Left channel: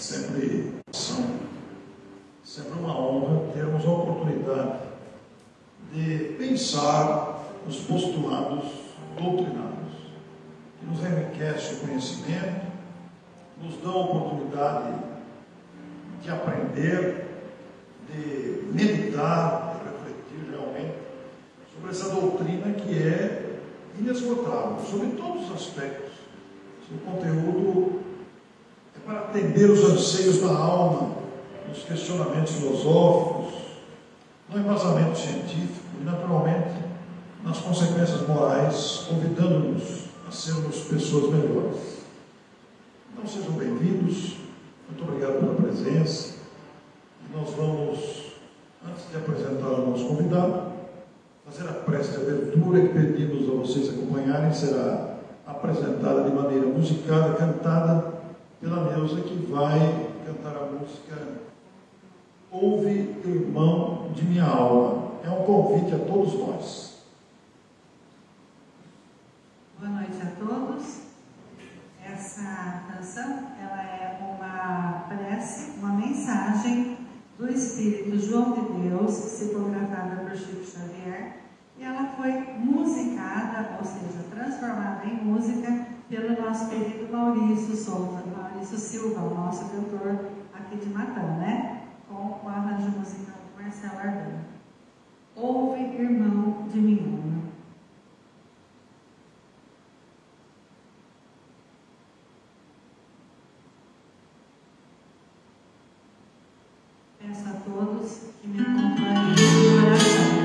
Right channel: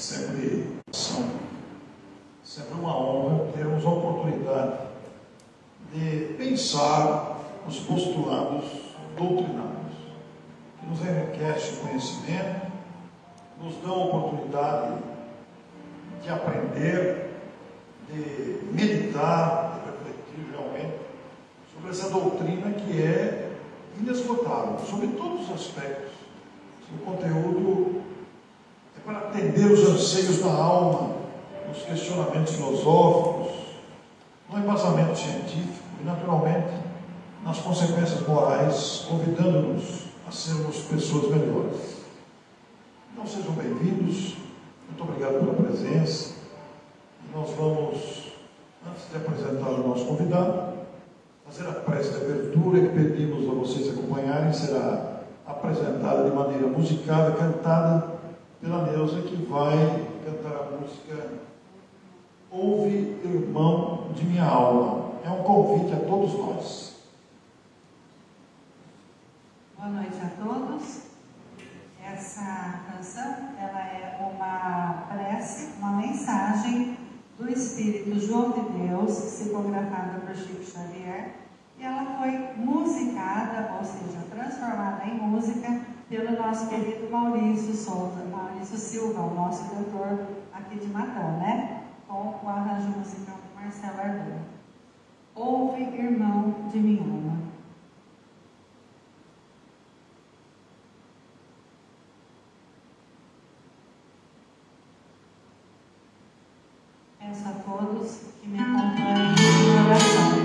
Sempre uma honra termos a oportunidade de pensar os postulados doutrinários, que nos enriquece o conhecimento, nos dão a oportunidade de aprender, de meditar, de refletir realmente sobre essa doutrina que é inesgotável, sobre todos os aspectos. Seu conteúdo é para atender os anseios da alma, nos questionamentos filosóficos, no embasamento científico e, naturalmente, nas consequências morais, convidando-nos a sermos pessoas melhores. Então, sejam bem-vindos. Muito obrigado pela presença. E nós vamos, antes de apresentar o nosso convidado, fazer a prece de abertura que pedimos a vocês acompanharem. Será apresentada de maneira musicada, cantada pela Neuza, que vai cantar a música Ouve, Irmão de Minha Alma. É um convite a todos nós. Boa noite a todos. Essa canção, ela é uma prece, uma mensagem do Espírito João de Deus, psicografada por Chico Xavier, e ela foi musicada, ou seja, transformada em música pelo nosso querido Maurício Silva, o nosso cantor aqui de Natal, né? Com o arranjo musical do Marcelo Ardana. Ouve, irmão de minha alma. Peço a todos que me acompanhem em oração.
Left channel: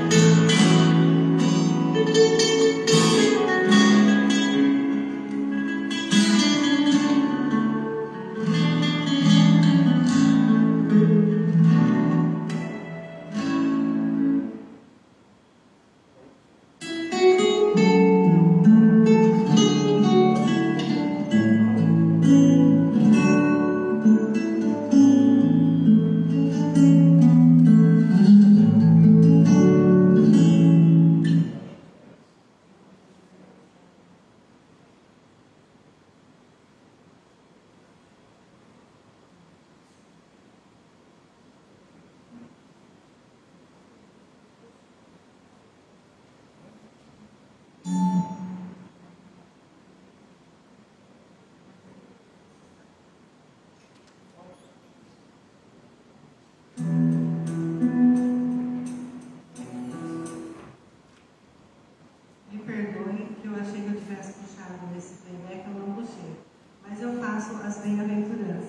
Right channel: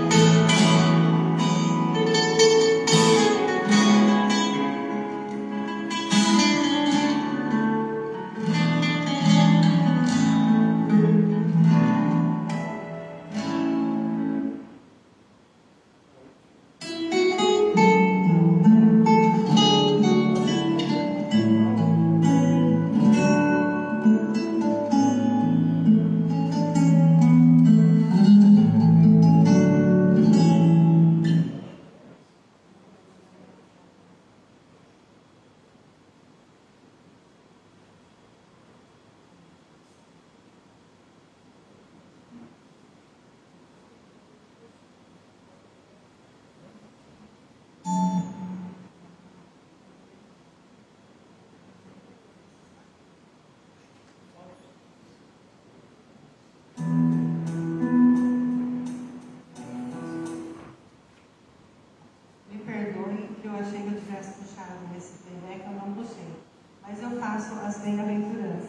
Bem-aventurado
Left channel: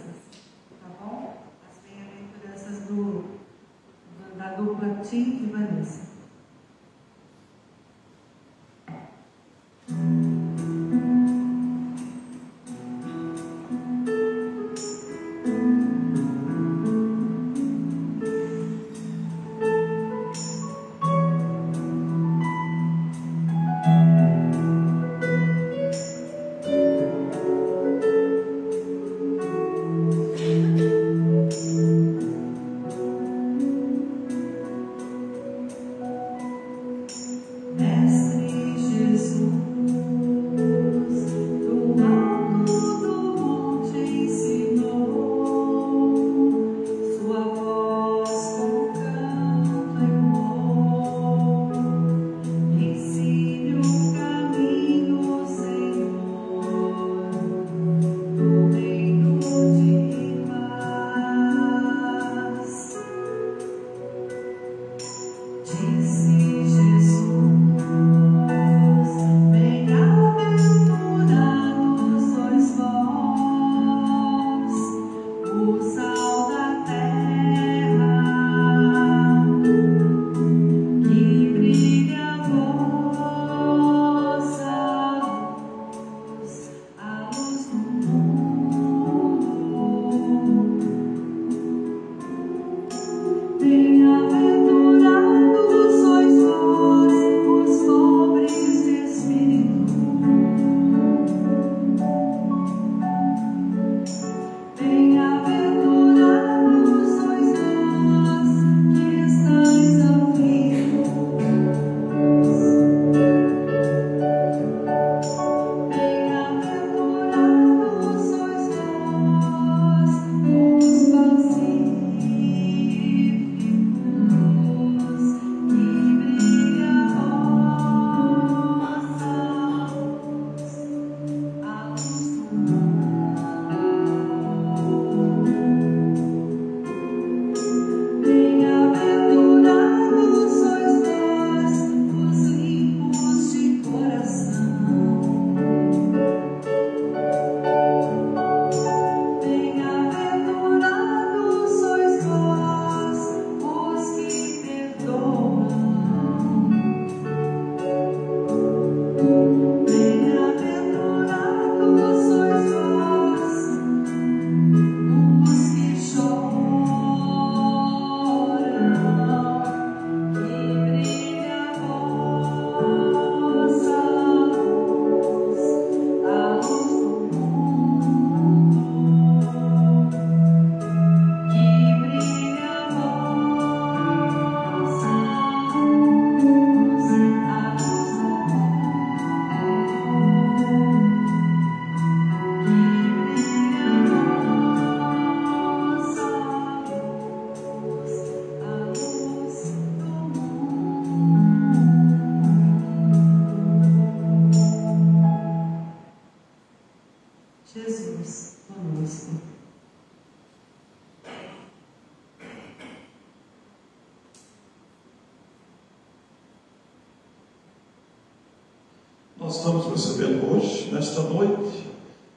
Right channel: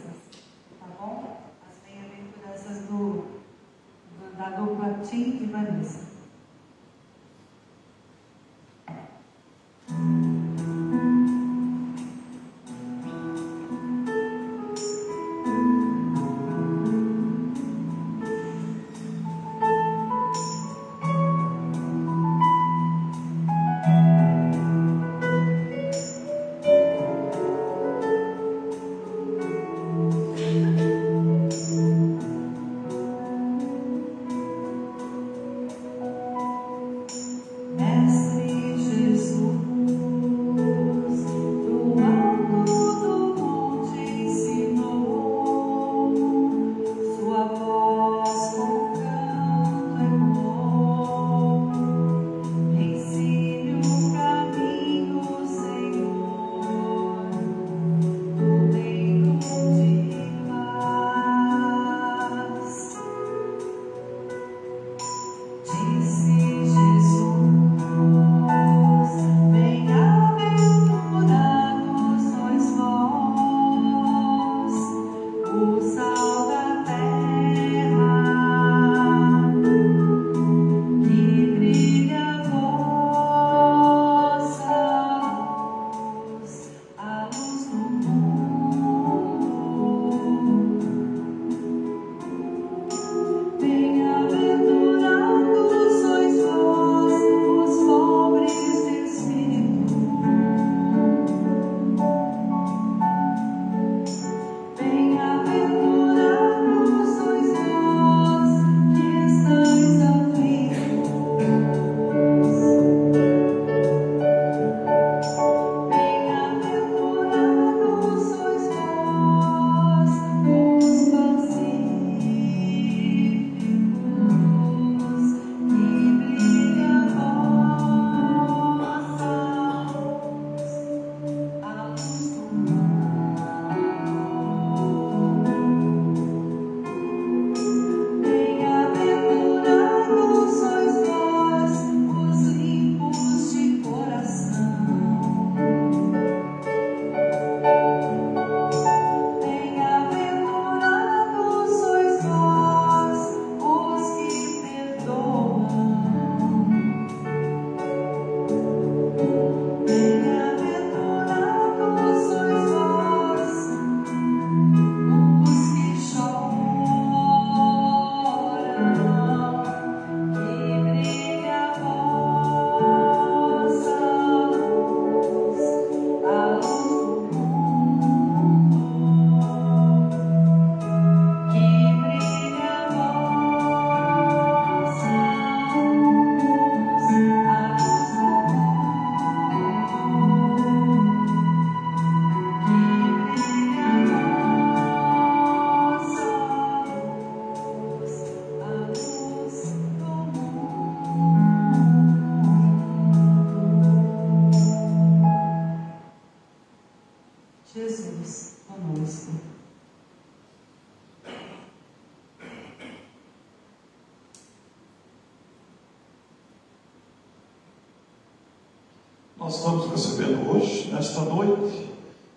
Nós estamos recebendo hoje, nesta noite,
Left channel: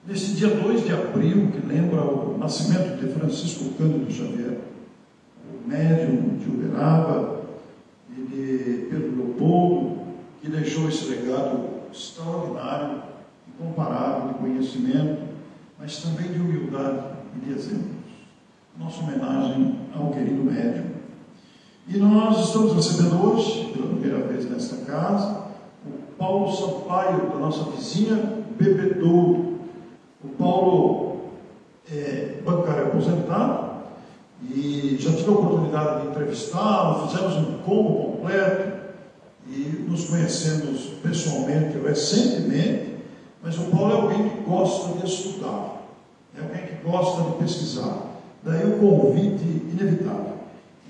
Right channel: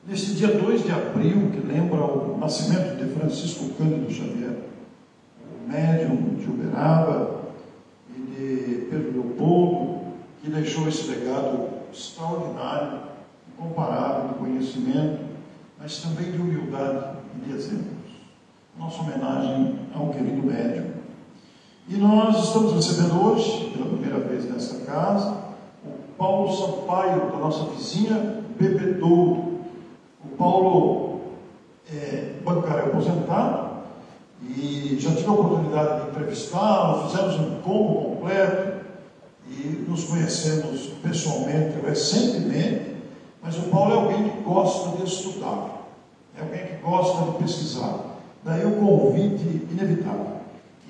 neste dia 2 de abril, que lembra o nascimento de Francisco Cândido Xavier, o médium de Uberaba e de Pedro Leopoldo, que deixou esse legado extraordinário, incomparável de conhecimento, mas também de humildade e de exemplos. Nossa homenagem ao querido médium. E nós estamos recebendo hoje, pela primeira vez nesta casa, o Paulo Sampaio, da nossa vizinha Bebedouro. O Paulo é bancário aposentado e já tive a oportunidade de entrevistá-lo, fizemos um combo completo e nos conhecemos pessoalmente, recentemente, mas o Paulo é alguém que gosta de estudar, é alguém que gosta de pesquisar. Daí o convite inevitável.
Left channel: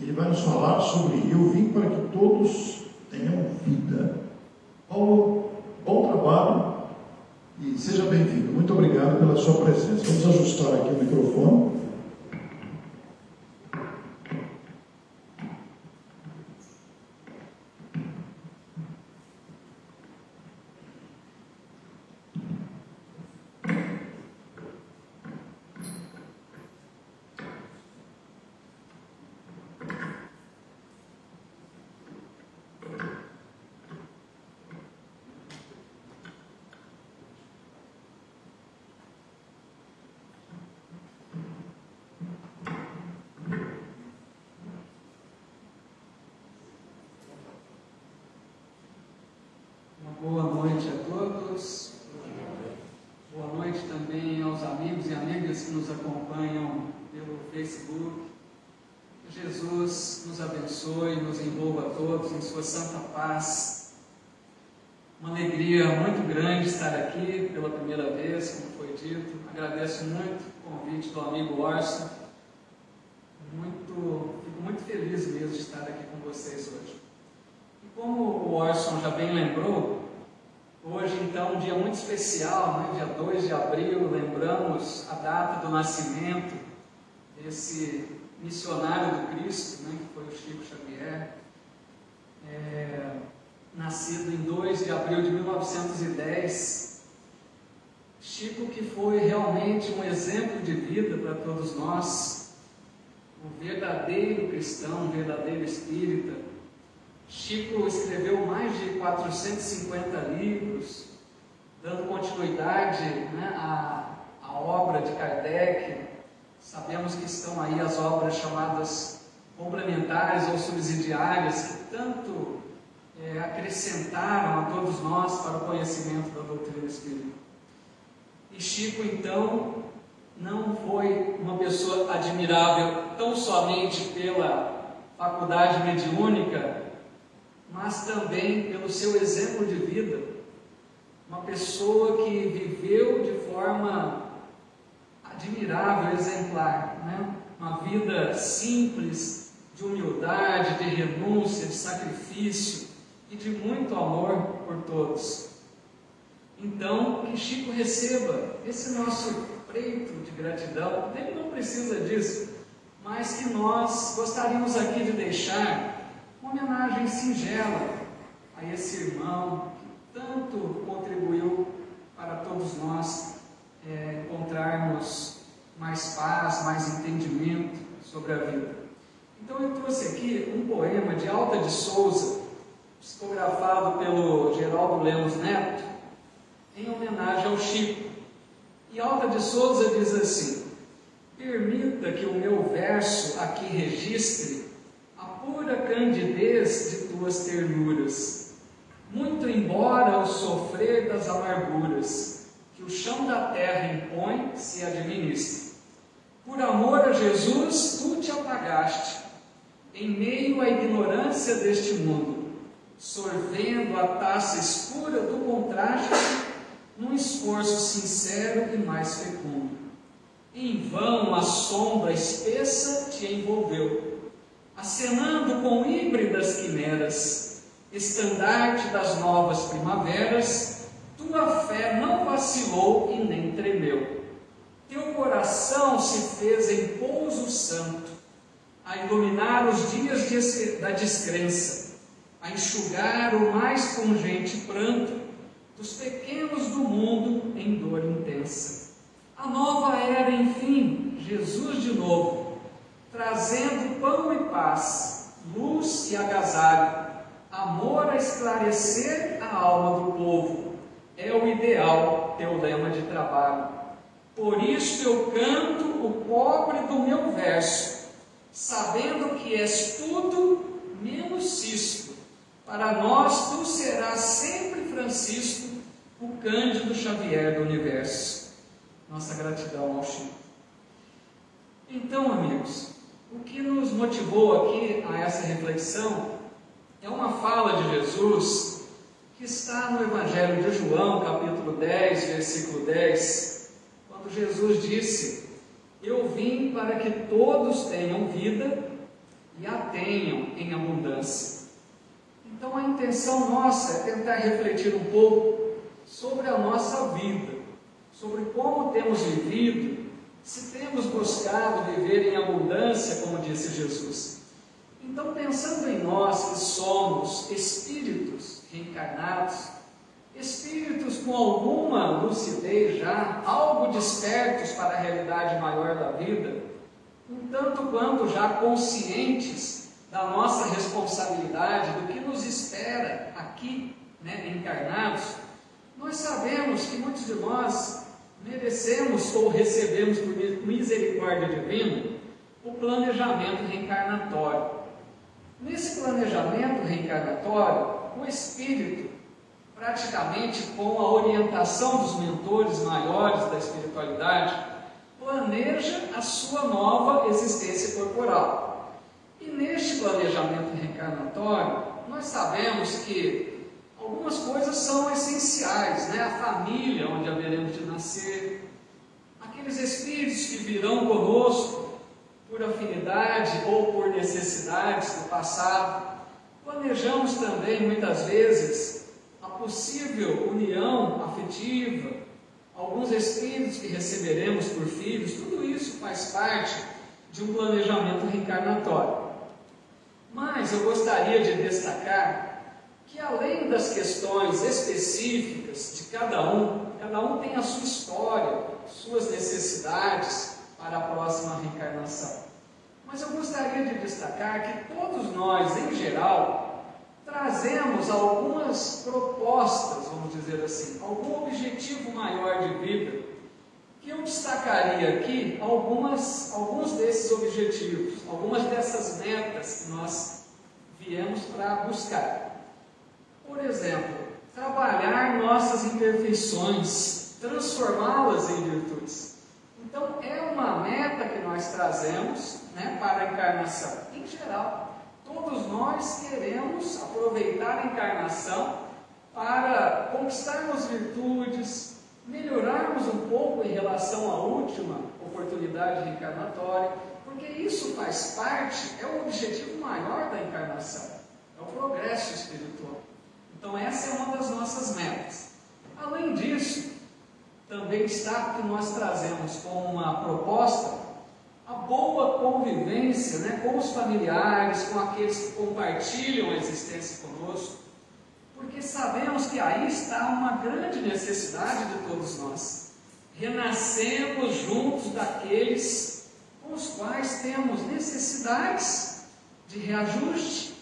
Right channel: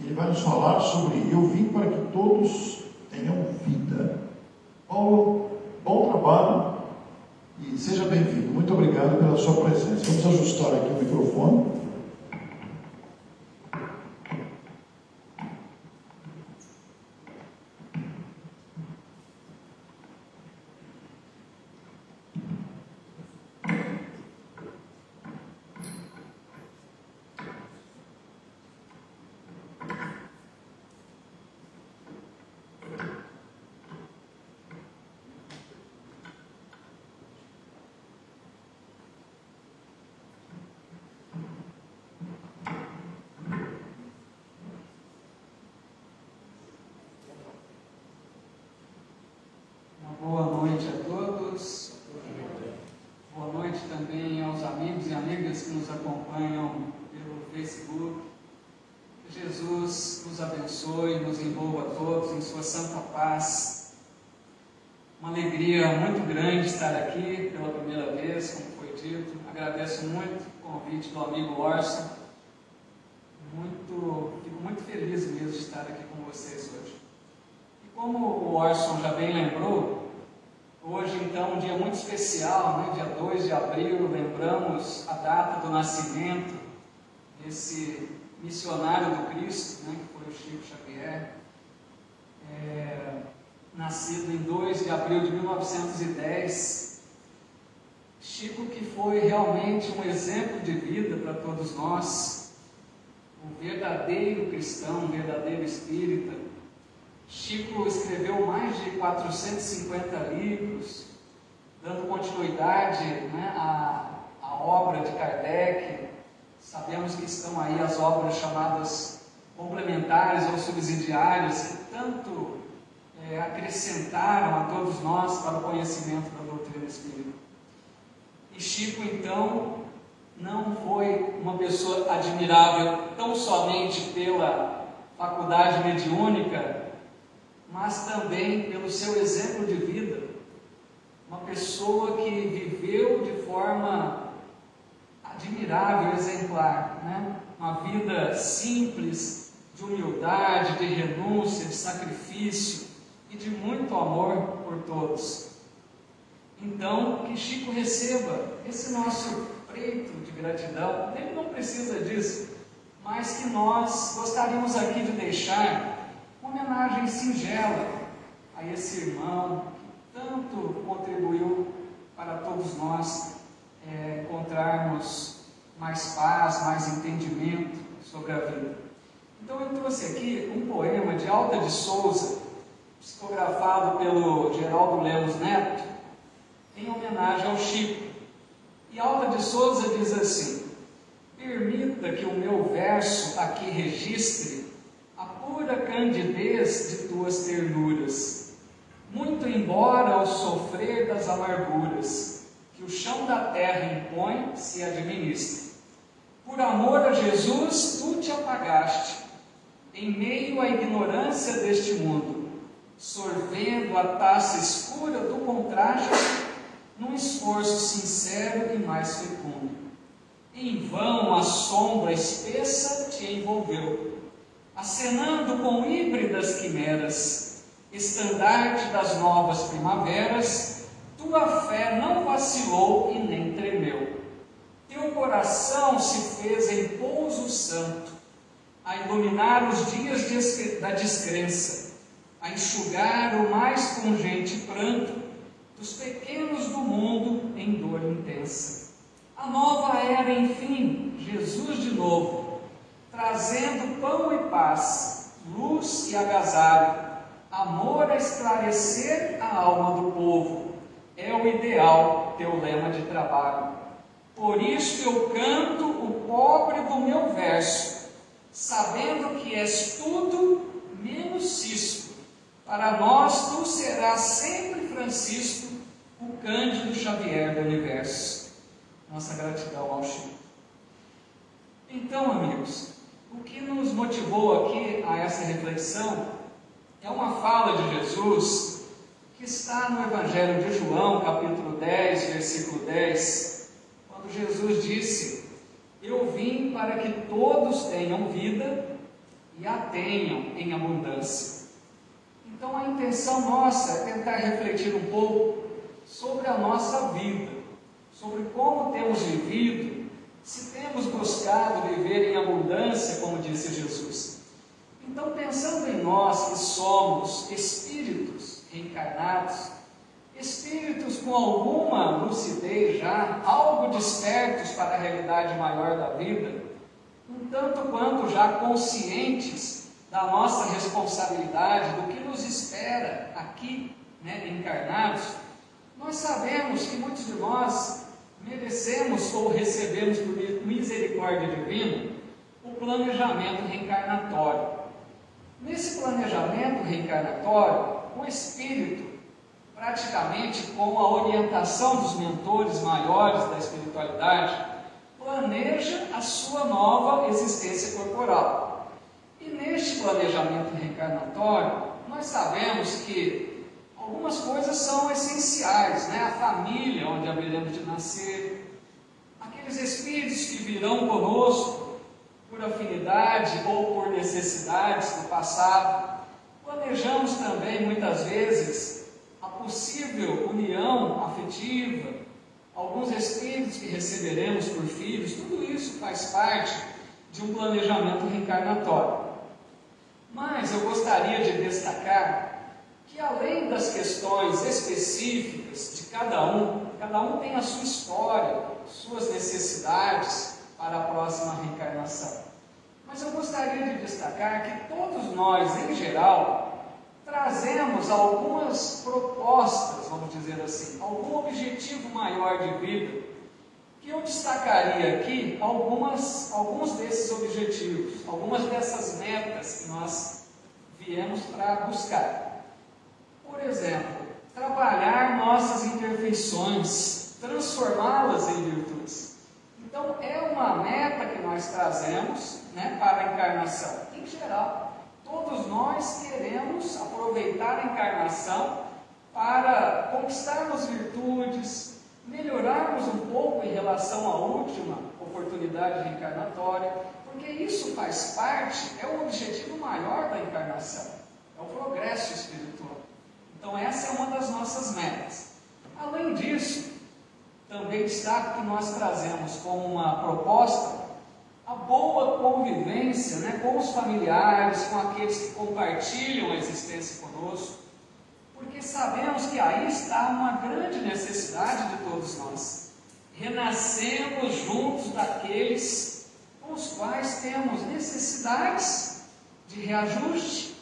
Ele vai nos falar sobre Eu Vim para que todos tenham vida. Paulo, bom trabalho e seja bem-vindo. Muito obrigado pela sua presença. Vamos ajustar aqui o microfone. Boa noite a todos. Boa noite também aos amigos e amigas que nos acompanham pelo Facebook. Que Jesus nos abençoe, nos envolva a todos em sua santa paz. Uma alegria muito grande estar aqui pela primeira vez, como foi dito. Agradeço muito o convite do amigo Orson. Fico muito feliz mesmo de estar aqui com vocês hoje. E como o Orson já bem lembrou, hoje, então, um dia muito especial, né? Dia 2 de abril, lembramos a data do nascimento desse missionário do Cristo, né? Que foi o Chico Xavier, nascido em 2 de abril de 1910. Chico, que foi realmente um exemplo de vida para todos nós, um verdadeiro cristão, um verdadeiro espírita. Chico escreveu mais de 450 livros, dando continuidade, né, à obra de Kardec. Sabemos que estão aí as obras chamadas complementares ou subsidiárias, que tanto acrescentaram a todos nós para o conhecimento da doutrina espírita. E Chico, então, não foi uma pessoa admirável tão somente pela faculdade mediúnica, mas também pelo seu exemplo de vida. Uma pessoa que viveu de forma admirável, exemplar, né? Uma vida simples, de humildade, de renúncia, de sacrifício e de muito amor por todos. Então, que Chico receba esse nosso preito de gratidão. Ele não precisa disso, mas que nós gostaríamos aqui de deixar uma homenagem singela a esse irmão que tanto contribuiu para todos nós encontrarmos mais paz, mais entendimento sobre a vida. Então eu trouxe aqui um poema de Alta de Souza, psicografado pelo Geraldo Lemos Neto, em homenagem ao Chico. E Alta de Souza diz assim: permita que o meu verso aqui registre a pura candidez de tuas ternuras, muito embora o sofrer das amarguras que o chão da terra impõe se administre. Por amor a Jesus, tu te apagaste, em meio à ignorância deste mundo, sorvendo a taça escura do contraste, num esforço sincero e mais fecundo. Em vão a sombra espessa te envolveu, acenando com híbridas quimeras, estandarte das novas primaveras, tua fé não vacilou e nem tremeu. Teu coração se fez em pouso santo, a iluminar os dias da descrença, a enxugar o mais pungente pranto dos pequenos do mundo em dor intensa. A nova era, enfim, Jesus de novo, trazendo pão e paz, luz e agasalho, amor a esclarecer a alma do povo. É o ideal, teu lema de trabalho. Por isso eu canto o pobre do meu verso, sabendo que és tudo menos Cisco. Para nós tu serás sempre, Francisco, o Cândido Xavier do universo. Nossa gratidão ao Chico. Então, amigos, o que nos motivou aqui a essa reflexão é uma fala de Jesus que está no Evangelho de João, capítulo 10, versículo 10, quando Jesus disse: eu vim para que todos tenham vida e a tenham em abundância. Então a intenção nossa é tentar refletir um pouco sobre a nossa vida, sobre como temos vivido, se temos buscado viver em abundância, como disse Jesus. Então, pensando em nós que somos espíritos reencarnados, espíritos com alguma lucidez já, algo despertos para a realidade maior da vida, um tanto quanto já conscientes da nossa responsabilidade, do que nos espera aqui, encarnados, nós sabemos que muitos de nós merecemos ou recebemos por misericórdia divina o planejamento reencarnatório. Nesse planejamento reencarnatório, o espírito, praticamente com a orientação dos mentores maiores da espiritualidade, planeja a sua nova existência corporal. E neste planejamento reencarnatório, nós sabemos que algumas coisas são essenciais, a família onde haveremos de nascer, aqueles espíritos que virão conosco por afinidade ou por necessidades do passado. Planejamos também, muitas vezes, a possível união afetiva, alguns espíritos que receberemos por filhos. Tudo isso faz parte de um planejamento reencarnatório. Mas eu gostaria de destacar que, além das questões específicas de cada um tem a sua história, suas necessidades para a próxima reencarnação. Mas eu gostaria de destacar que todos nós, em geral, trazemos algumas propostas, vamos dizer assim, algum objetivo maior de vida, que eu destacaria aqui alguns desses objetivos, algumas dessas metas que nós viemos para buscar. Por exemplo, trabalhar nossas imperfeições, transformá-las em virtudes. Então, é uma meta que nós trazemos para a encarnação. Em geral, todos nós queremos aproveitar a encarnação para conquistarmos virtudes, melhorarmos um pouco em relação à última oportunidade reencarnatória, porque isso faz parte, é o objetivo maior da encarnação, é o progresso espiritual. Então, essa é uma das nossas metas. Além disso, também destaco que nós trazemos como uma proposta a boa convivência com os familiares, com aqueles que compartilham a existência conosco, porque sabemos que aí está uma grande necessidade de todos nós. Renascemos juntos daqueles com os quais temos necessidades de reajuste,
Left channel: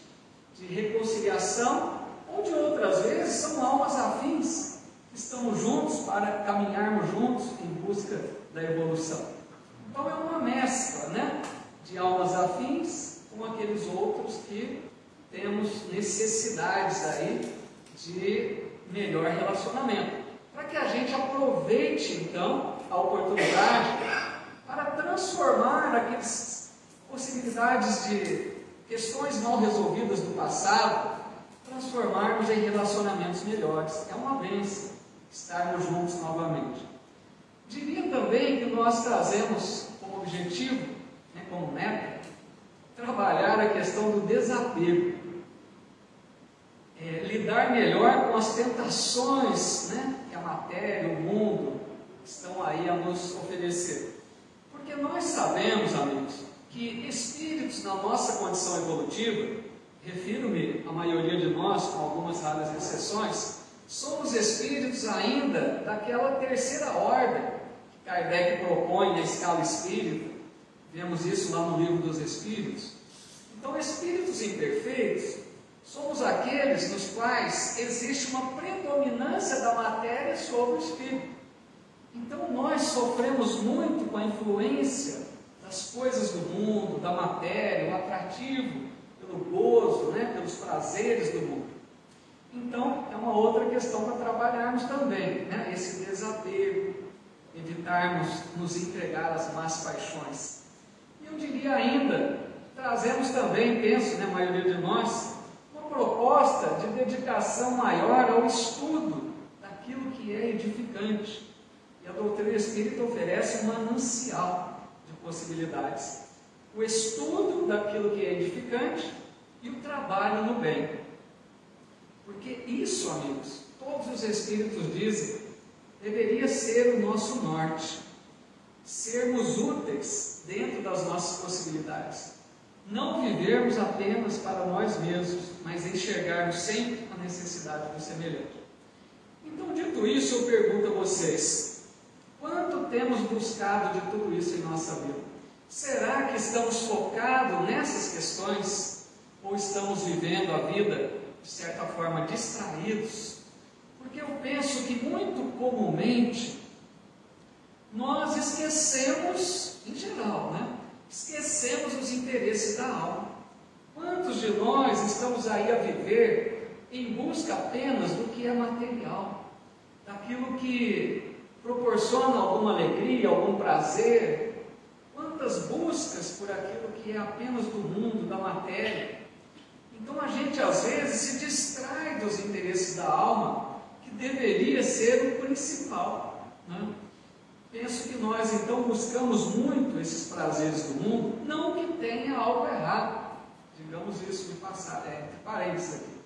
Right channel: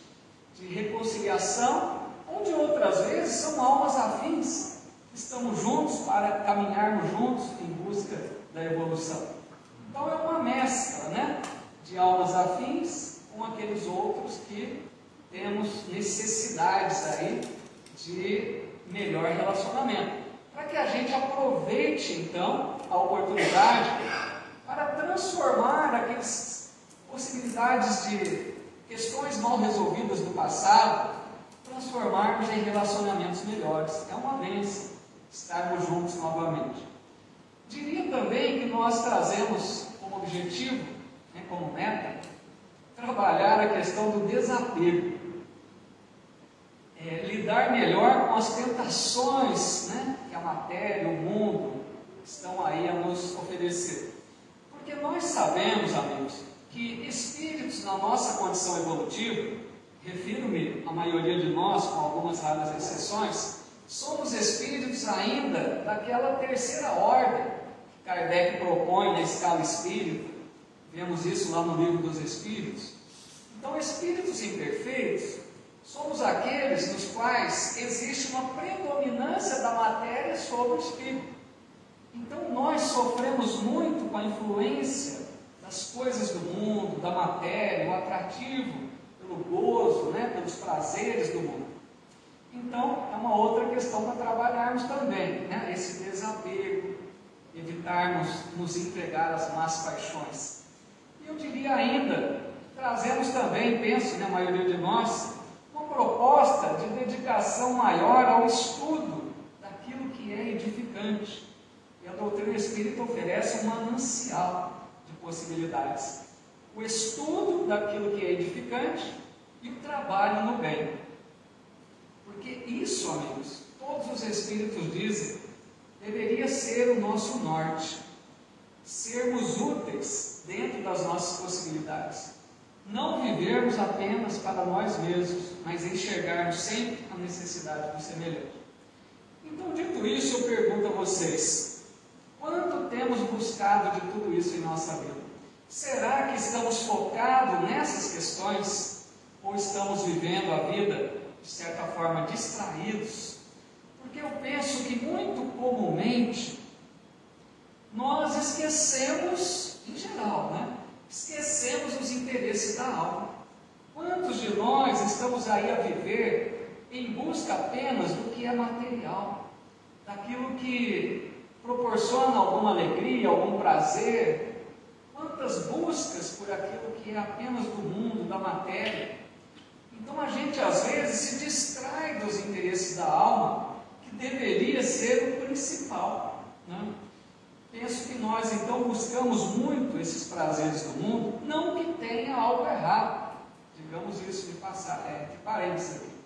de reconciliação, ou de outras vezes são almas afins. Estamos juntos para caminharmos juntos em busca da evolução. Então é uma mescla, de almas afins com aqueles outros que temos necessidades aí de melhor relacionamento, para que a gente aproveite então a oportunidade para transformar aquelas possibilidades de questões mal resolvidas do passado, transformarmos em relacionamentos melhores. É uma bênção estarmos juntos novamente. Diria também que nós trazemos como objetivo, como meta, trabalhar a questão do desapego. Lidar melhor com as tentações que a matéria, o mundo estão aí a nos oferecer. Porque nós sabemos, amigos, que espíritos na nossa condição evolutiva, refiro-me à maioria de nós, com algumas raras exceções, somos espíritos ainda daquela terceira ordem que Kardec propõe na escala espírita. Vemos isso lá no Livro dos Espíritos. Então, espíritos imperfeitos somos aqueles nos quais existe uma predominância da matéria sobre o espírito. Então, nós sofremos muito com a influência das coisas do mundo, da matéria, o atrativo pelo gozo, pelos prazeres do mundo. Então, é uma outra questão para trabalharmos também, esse desapego, evitarmos nos entregar às más paixões. E eu diria ainda, trazemos também, penso, a maioria de nós, uma proposta de dedicação maior ao estudo daquilo que é edificante. E a doutrina espírita oferece um manancial de possibilidades. O estudo daquilo que é edificante e o trabalho no bem. Porque isso, amigos, todos os espíritos dizem, deveria ser o nosso norte. Sermos úteis dentro das nossas possibilidades. Não vivermos apenas para nós mesmos, mas enxergarmos sempre a necessidade do semelhante. Então, dito isso, eu pergunto a vocês, quanto temos buscado de tudo isso em nossa vida? Será que estamos focados nessas questões? Ou estamos vivendo a vida, de certa forma, distraídos? Porque eu penso que muito comumente nós esquecemos, em geral, esquecemos os interesses da alma. Quantos de nós estamos aí a viver em busca apenas do que é material, daquilo que proporciona alguma alegria, algum prazer? Quantas buscas por aquilo que é apenas do mundo, da matéria? Então a gente às vezes se distrai dos interesses da alma, que deveria ser o principal. Penso que nós então buscamos muito esses prazeres do mundo, não que tenha algo errado, digamos isso entre parênteses aqui.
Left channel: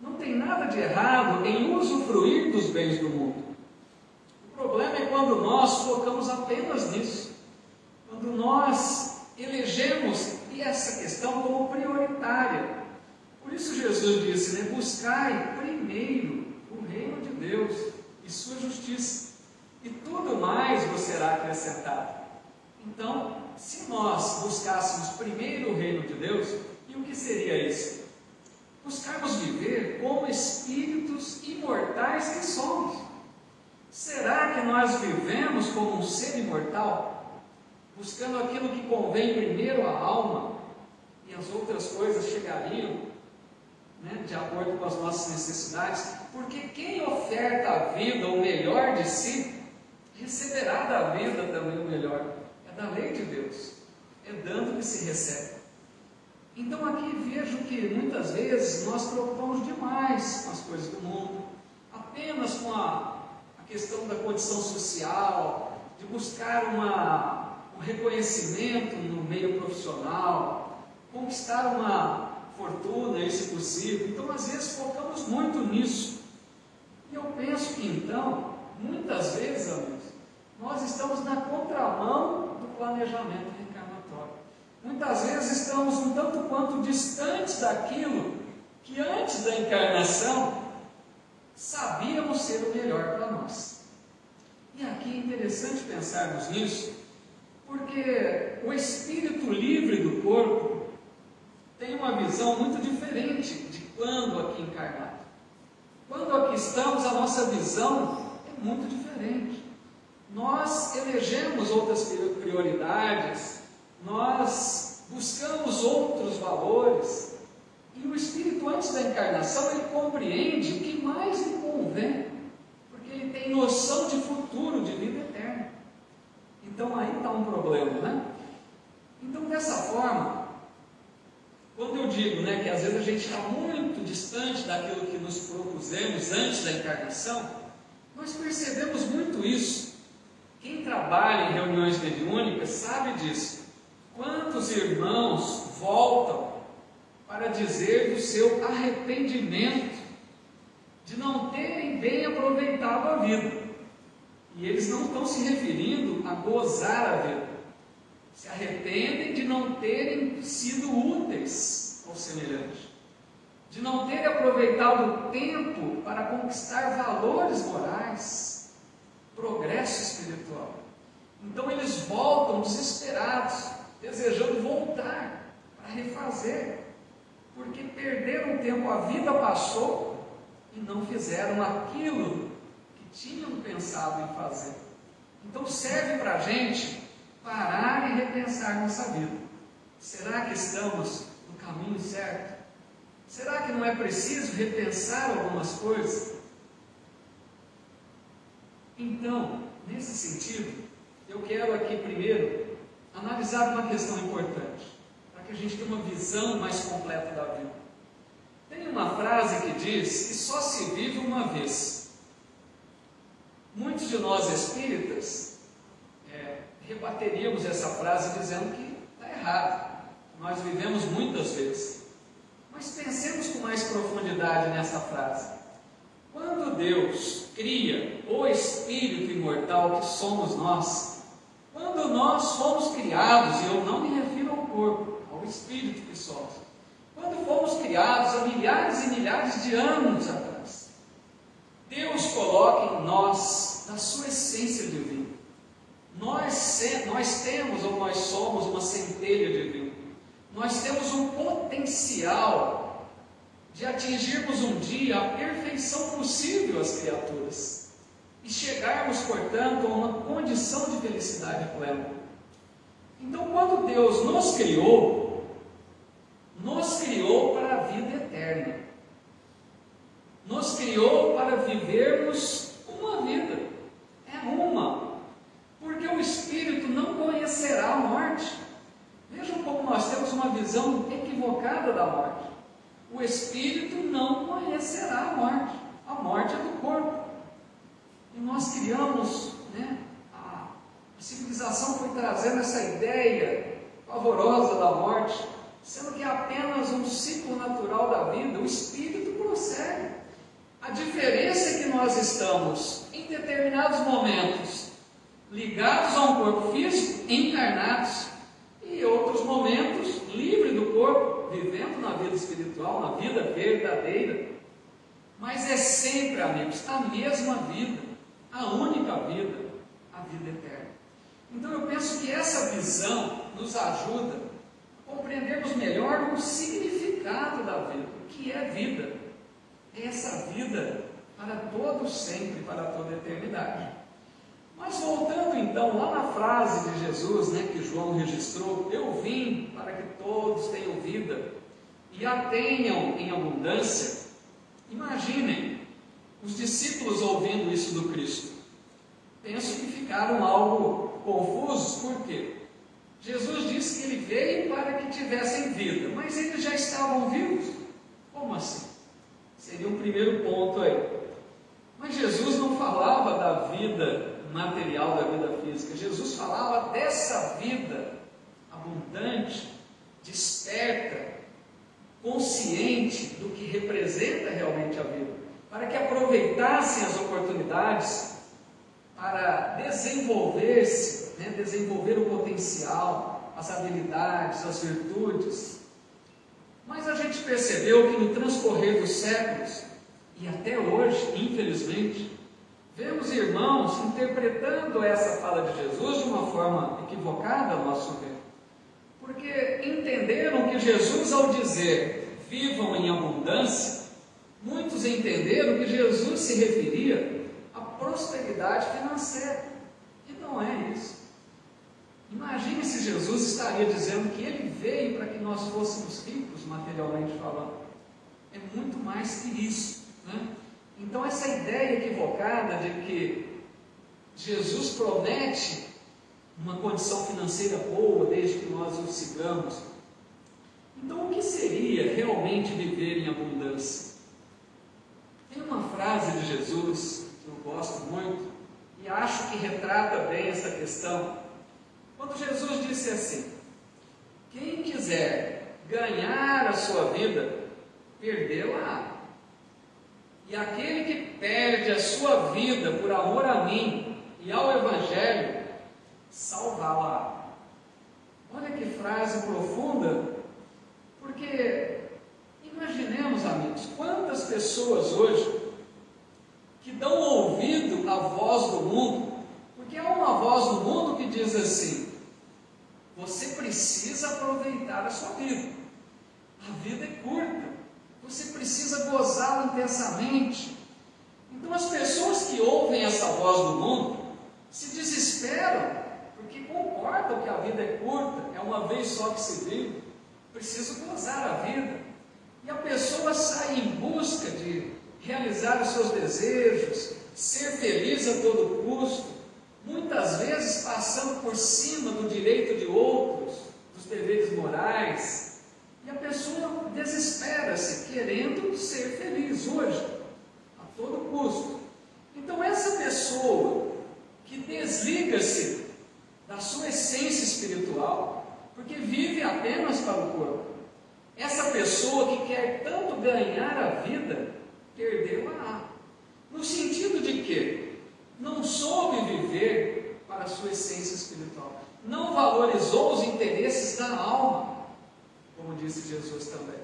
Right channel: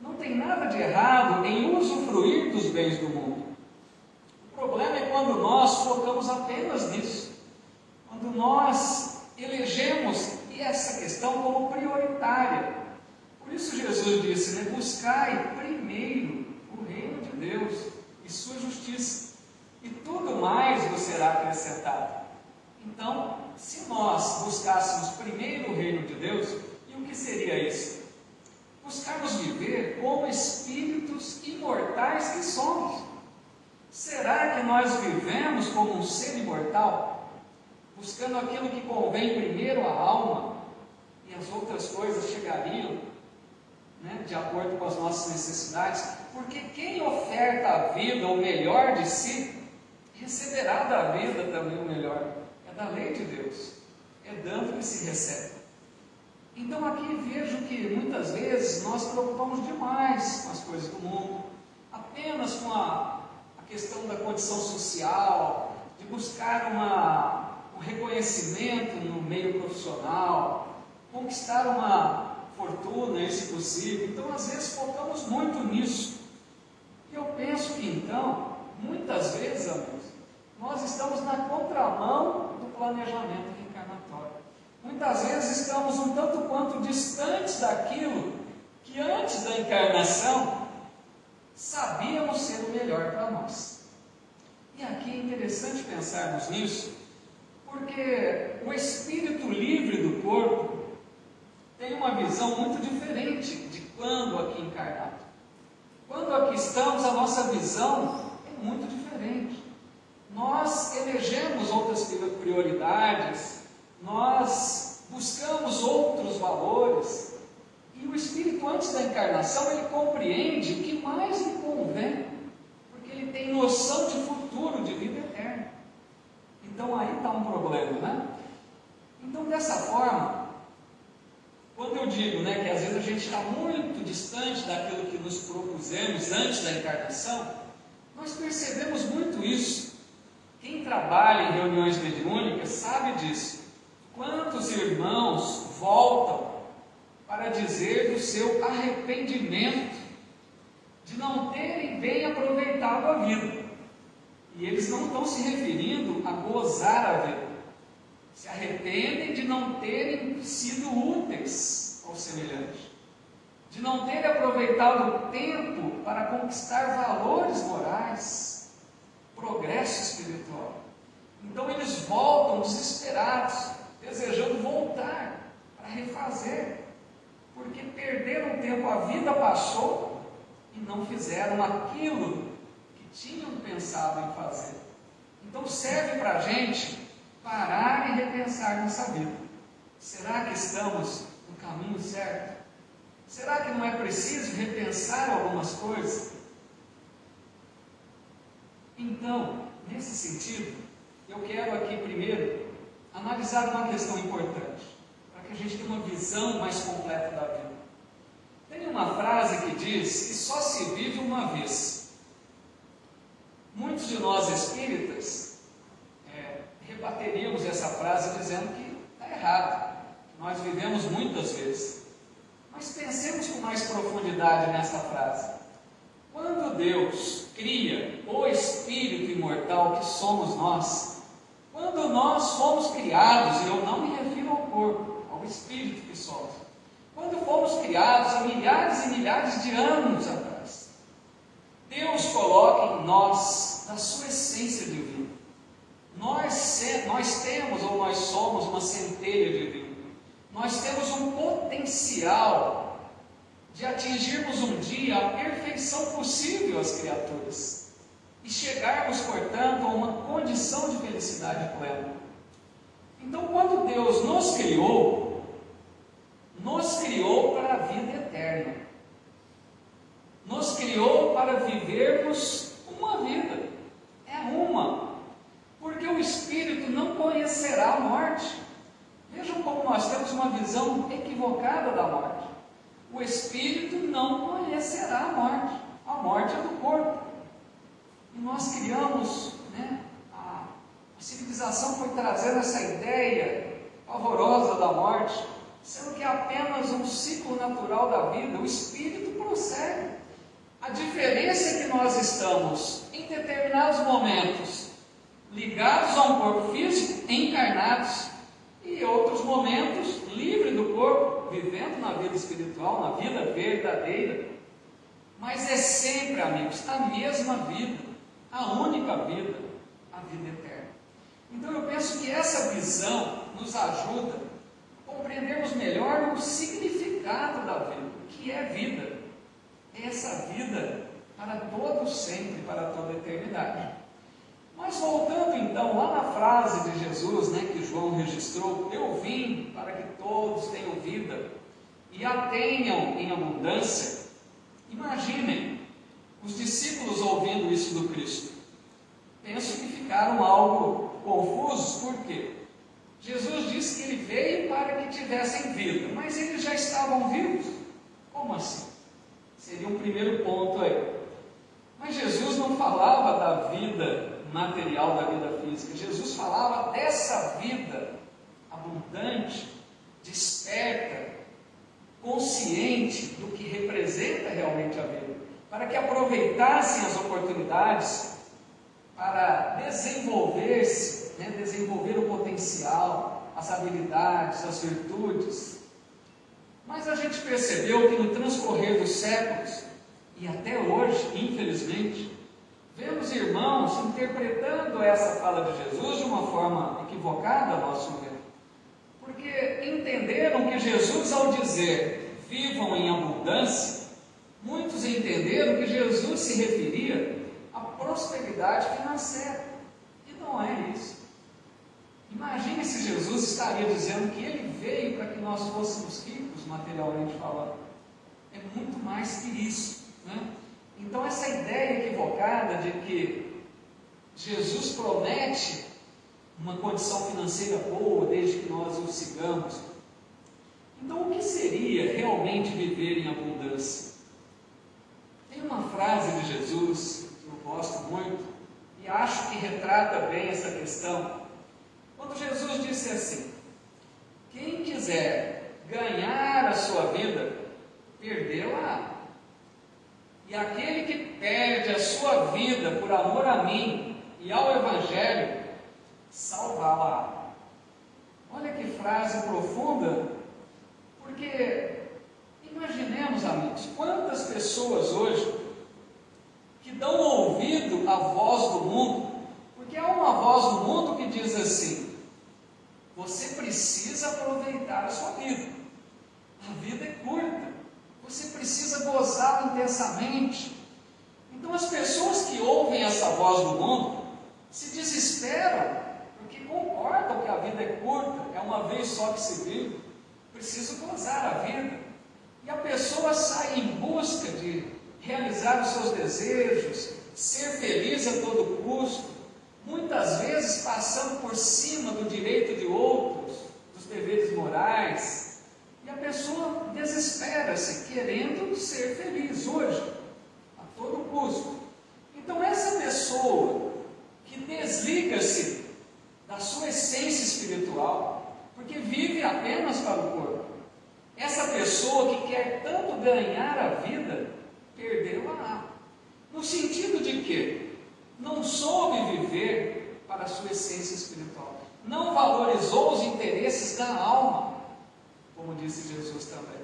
Não tem nada de errado em usufruir dos bens do mundo. O problema é quando nós focamos apenas nisso, quando nós elegemos essa questão como prioritária. Por isso Jesus disse, buscai primeiro o reino de Deus e sua justiça, e tudo mais vos será acrescentado. Então, se nós buscássemos primeiro o reino de Deus, e o que seria isso? Buscarmos viver como espíritos imortais que somos. Será que nós vivemos como um ser imortal? Buscando aquilo que convém primeiro à alma, e as outras coisas chegariam de acordo com as nossas necessidades? Porque quem oferta a vida o melhor de si, receberá da vida também o melhor. É da lei de Deus, é dando que se recebe. Então aqui vejo que muitas vezes nós preocupamos demais com as coisas do mundo, apenas com a questão da condição social, de buscar um reconhecimento no meio profissional, conquistar uma fortuna, se possível. Então às vezes focamos muito nisso. E eu penso que então, muitas vezes, amigos, nós estamos na contramão do planejamento reencarnatório. Muitas vezes estamos um tanto quanto distantes daquilo que antes da encarnação sabíamos ser o melhor para nós. E aqui é interessante pensarmos nisso, porque o espírito livre do corpo tem uma visão muito diferente de quando aqui encarnado. Quando aqui estamos, a nossa visão é muito diferente. Nós elegemos outras prioridades, nós buscamos outros valores, e o espírito antes da encarnação, ele compreende o que mais lhe convém, porque ele tem noção de futuro, de vida eterna. Então aí está um problema, Então dessa forma, quando eu digo que às vezes a gente está muito distante daquilo que nos propusemos antes da encarnação, nós percebemos muito isso. Quem trabalha em reuniões mediúnicas sabe disso. Quantos irmãos voltam para dizer do seu arrependimento de não terem bem aproveitado a vida? E eles não estão se referindo a gozar a vida. Se arrependem de não terem sido úteis ao semelhante. de não ter aproveitado o tempo para conquistar valores morais, progresso espiritual. Então eles voltam desesperados, desejando voltar para refazer, porque perderam tempo, a vida passou e não fizeram aquilo que tinham pensado em fazer. Então serve para a gente parar e repensar nossa vida. Será que estamos no caminho certo? Será que não é preciso repensar algumas coisas? Então, nesse sentido, eu quero aqui primeiro analisar uma questão importante, para que a gente tenha uma visão mais completa da vida. Tem uma frase que diz que só se vive uma vez. Muitos de nós espíritas rebateríamos essa frase dizendo que está errado, que nós vivemos muitas vezes. Mas pensemos com mais profundidade nessa frase. Quando Deus cria o espírito imortal que somos nós, quando nós somos criados, e eu não me refiro ao corpo, ao espírito que somos, quando fomos criados há milhares e milhares de anos atrás, Deus coloca em nós a sua essência divina. Nós temos, ou nós somos, uma centelha divina. Nós temos um potencial de atingirmos um dia a perfeição possível às criaturas e chegarmos, portanto, a uma condição de felicidade plena. Então, quando Deus nos criou para a vida eterna. Nos criou para vivermos uma vida. É uma. Porque o Espírito não conhecerá a morte. Vejam como nós temos uma visão equivocada da morte. O Espírito não conhecerá a morte. A morte é do corpo. E nós criamos, a civilização foi trazendo essa ideia pavorosa da morte, sendo que é apenas um ciclo natural da vida. O Espírito prossegue. A diferença é que nós estamos, em determinados momentos, ligados a um corpo físico, encarnados, e outros momentos, livres do corpo, vivendo na vida espiritual, na vida verdadeira. Mas é sempre, amigos, a mesma vida, a única vida, a vida eterna. Então eu penso que essa visão nos ajuda a compreendermos melhor o significado da vida, o que é vida. É essa vida para todo sempre, para toda a eternidade. Mas voltando então lá na frase de Jesus, que João registrou: eu vim para que todos tenham vida e a tenham em abundância. Imaginem os discípulos ouvindo isso do Cristo. Penso que ficaram algo confusos. Por quê? Jesus disse que ele veio para que tivessem vida, mas eles já estavam vivos. Como assim? Seria um primeiro ponto aí. Mas Jesus não falava da vida material, da vida física. Jesus falava dessa vida abundante, desperta, consciente do que representa realmente a vida, para que aproveitassem as oportunidades para desenvolver-se, desenvolver o potencial, as habilidades, as virtudes. Mas a gente percebeu que no transcorrer dos séculos, e até hoje, infelizmente, vemos irmãos interpretando essa fala de Jesus de uma forma equivocada, a nosso ver. Porque entenderam que Jesus, ao dizer vivam em abundância, muitos entenderam que Jesus se referia à prosperidade financeira. E não é isso. Imagine se Jesus estaria dizendo que ele veio para que nós fôssemos ricos, materialmente falando. É muito mais que isso. Então essa ideia equivocada de que Jesus promete uma condição financeira boa desde que nós o sigamos. Então o que seria realmente viver em abundância? Tem uma frase de Jesus que eu gosto muito e acho que retrata bem essa questão. Quando Jesus disse assim: quem quiser ganhar a sua vida, perdê-la. E aquele que perde a sua vida por amor a mim e ao Evangelho, salvá-la. Olha que frase profunda, porque imaginemos, amigos, pessoas hoje que dão ouvido à voz do mundo, porque há uma voz no mundo que diz assim: você precisa aproveitar a sua vida. A vida é curta. Você precisa gozá-la intensamente. Então as pessoas que ouvem essa voz do mundo se desesperam, porque concordam que a vida é curta, é uma vez só que se vive, preciso gozar a vida. E a pessoa sai em busca de realizar os seus desejos, ser feliz a todo custo, muitas vezes passando por cima do direito de outros, dos deveres morais, e a pessoa desespera-se, querendo ser feliz hoje, a todo custo. Então essa pessoa que desliga-se da sua essência espiritual, porque vive apenas para o corpo, essa pessoa que quer tanto ganhar a vida, perdeu-a, no sentido de que não soube viver para a sua essência espiritual, não valorizou os interesses da alma, como disse Jesus também.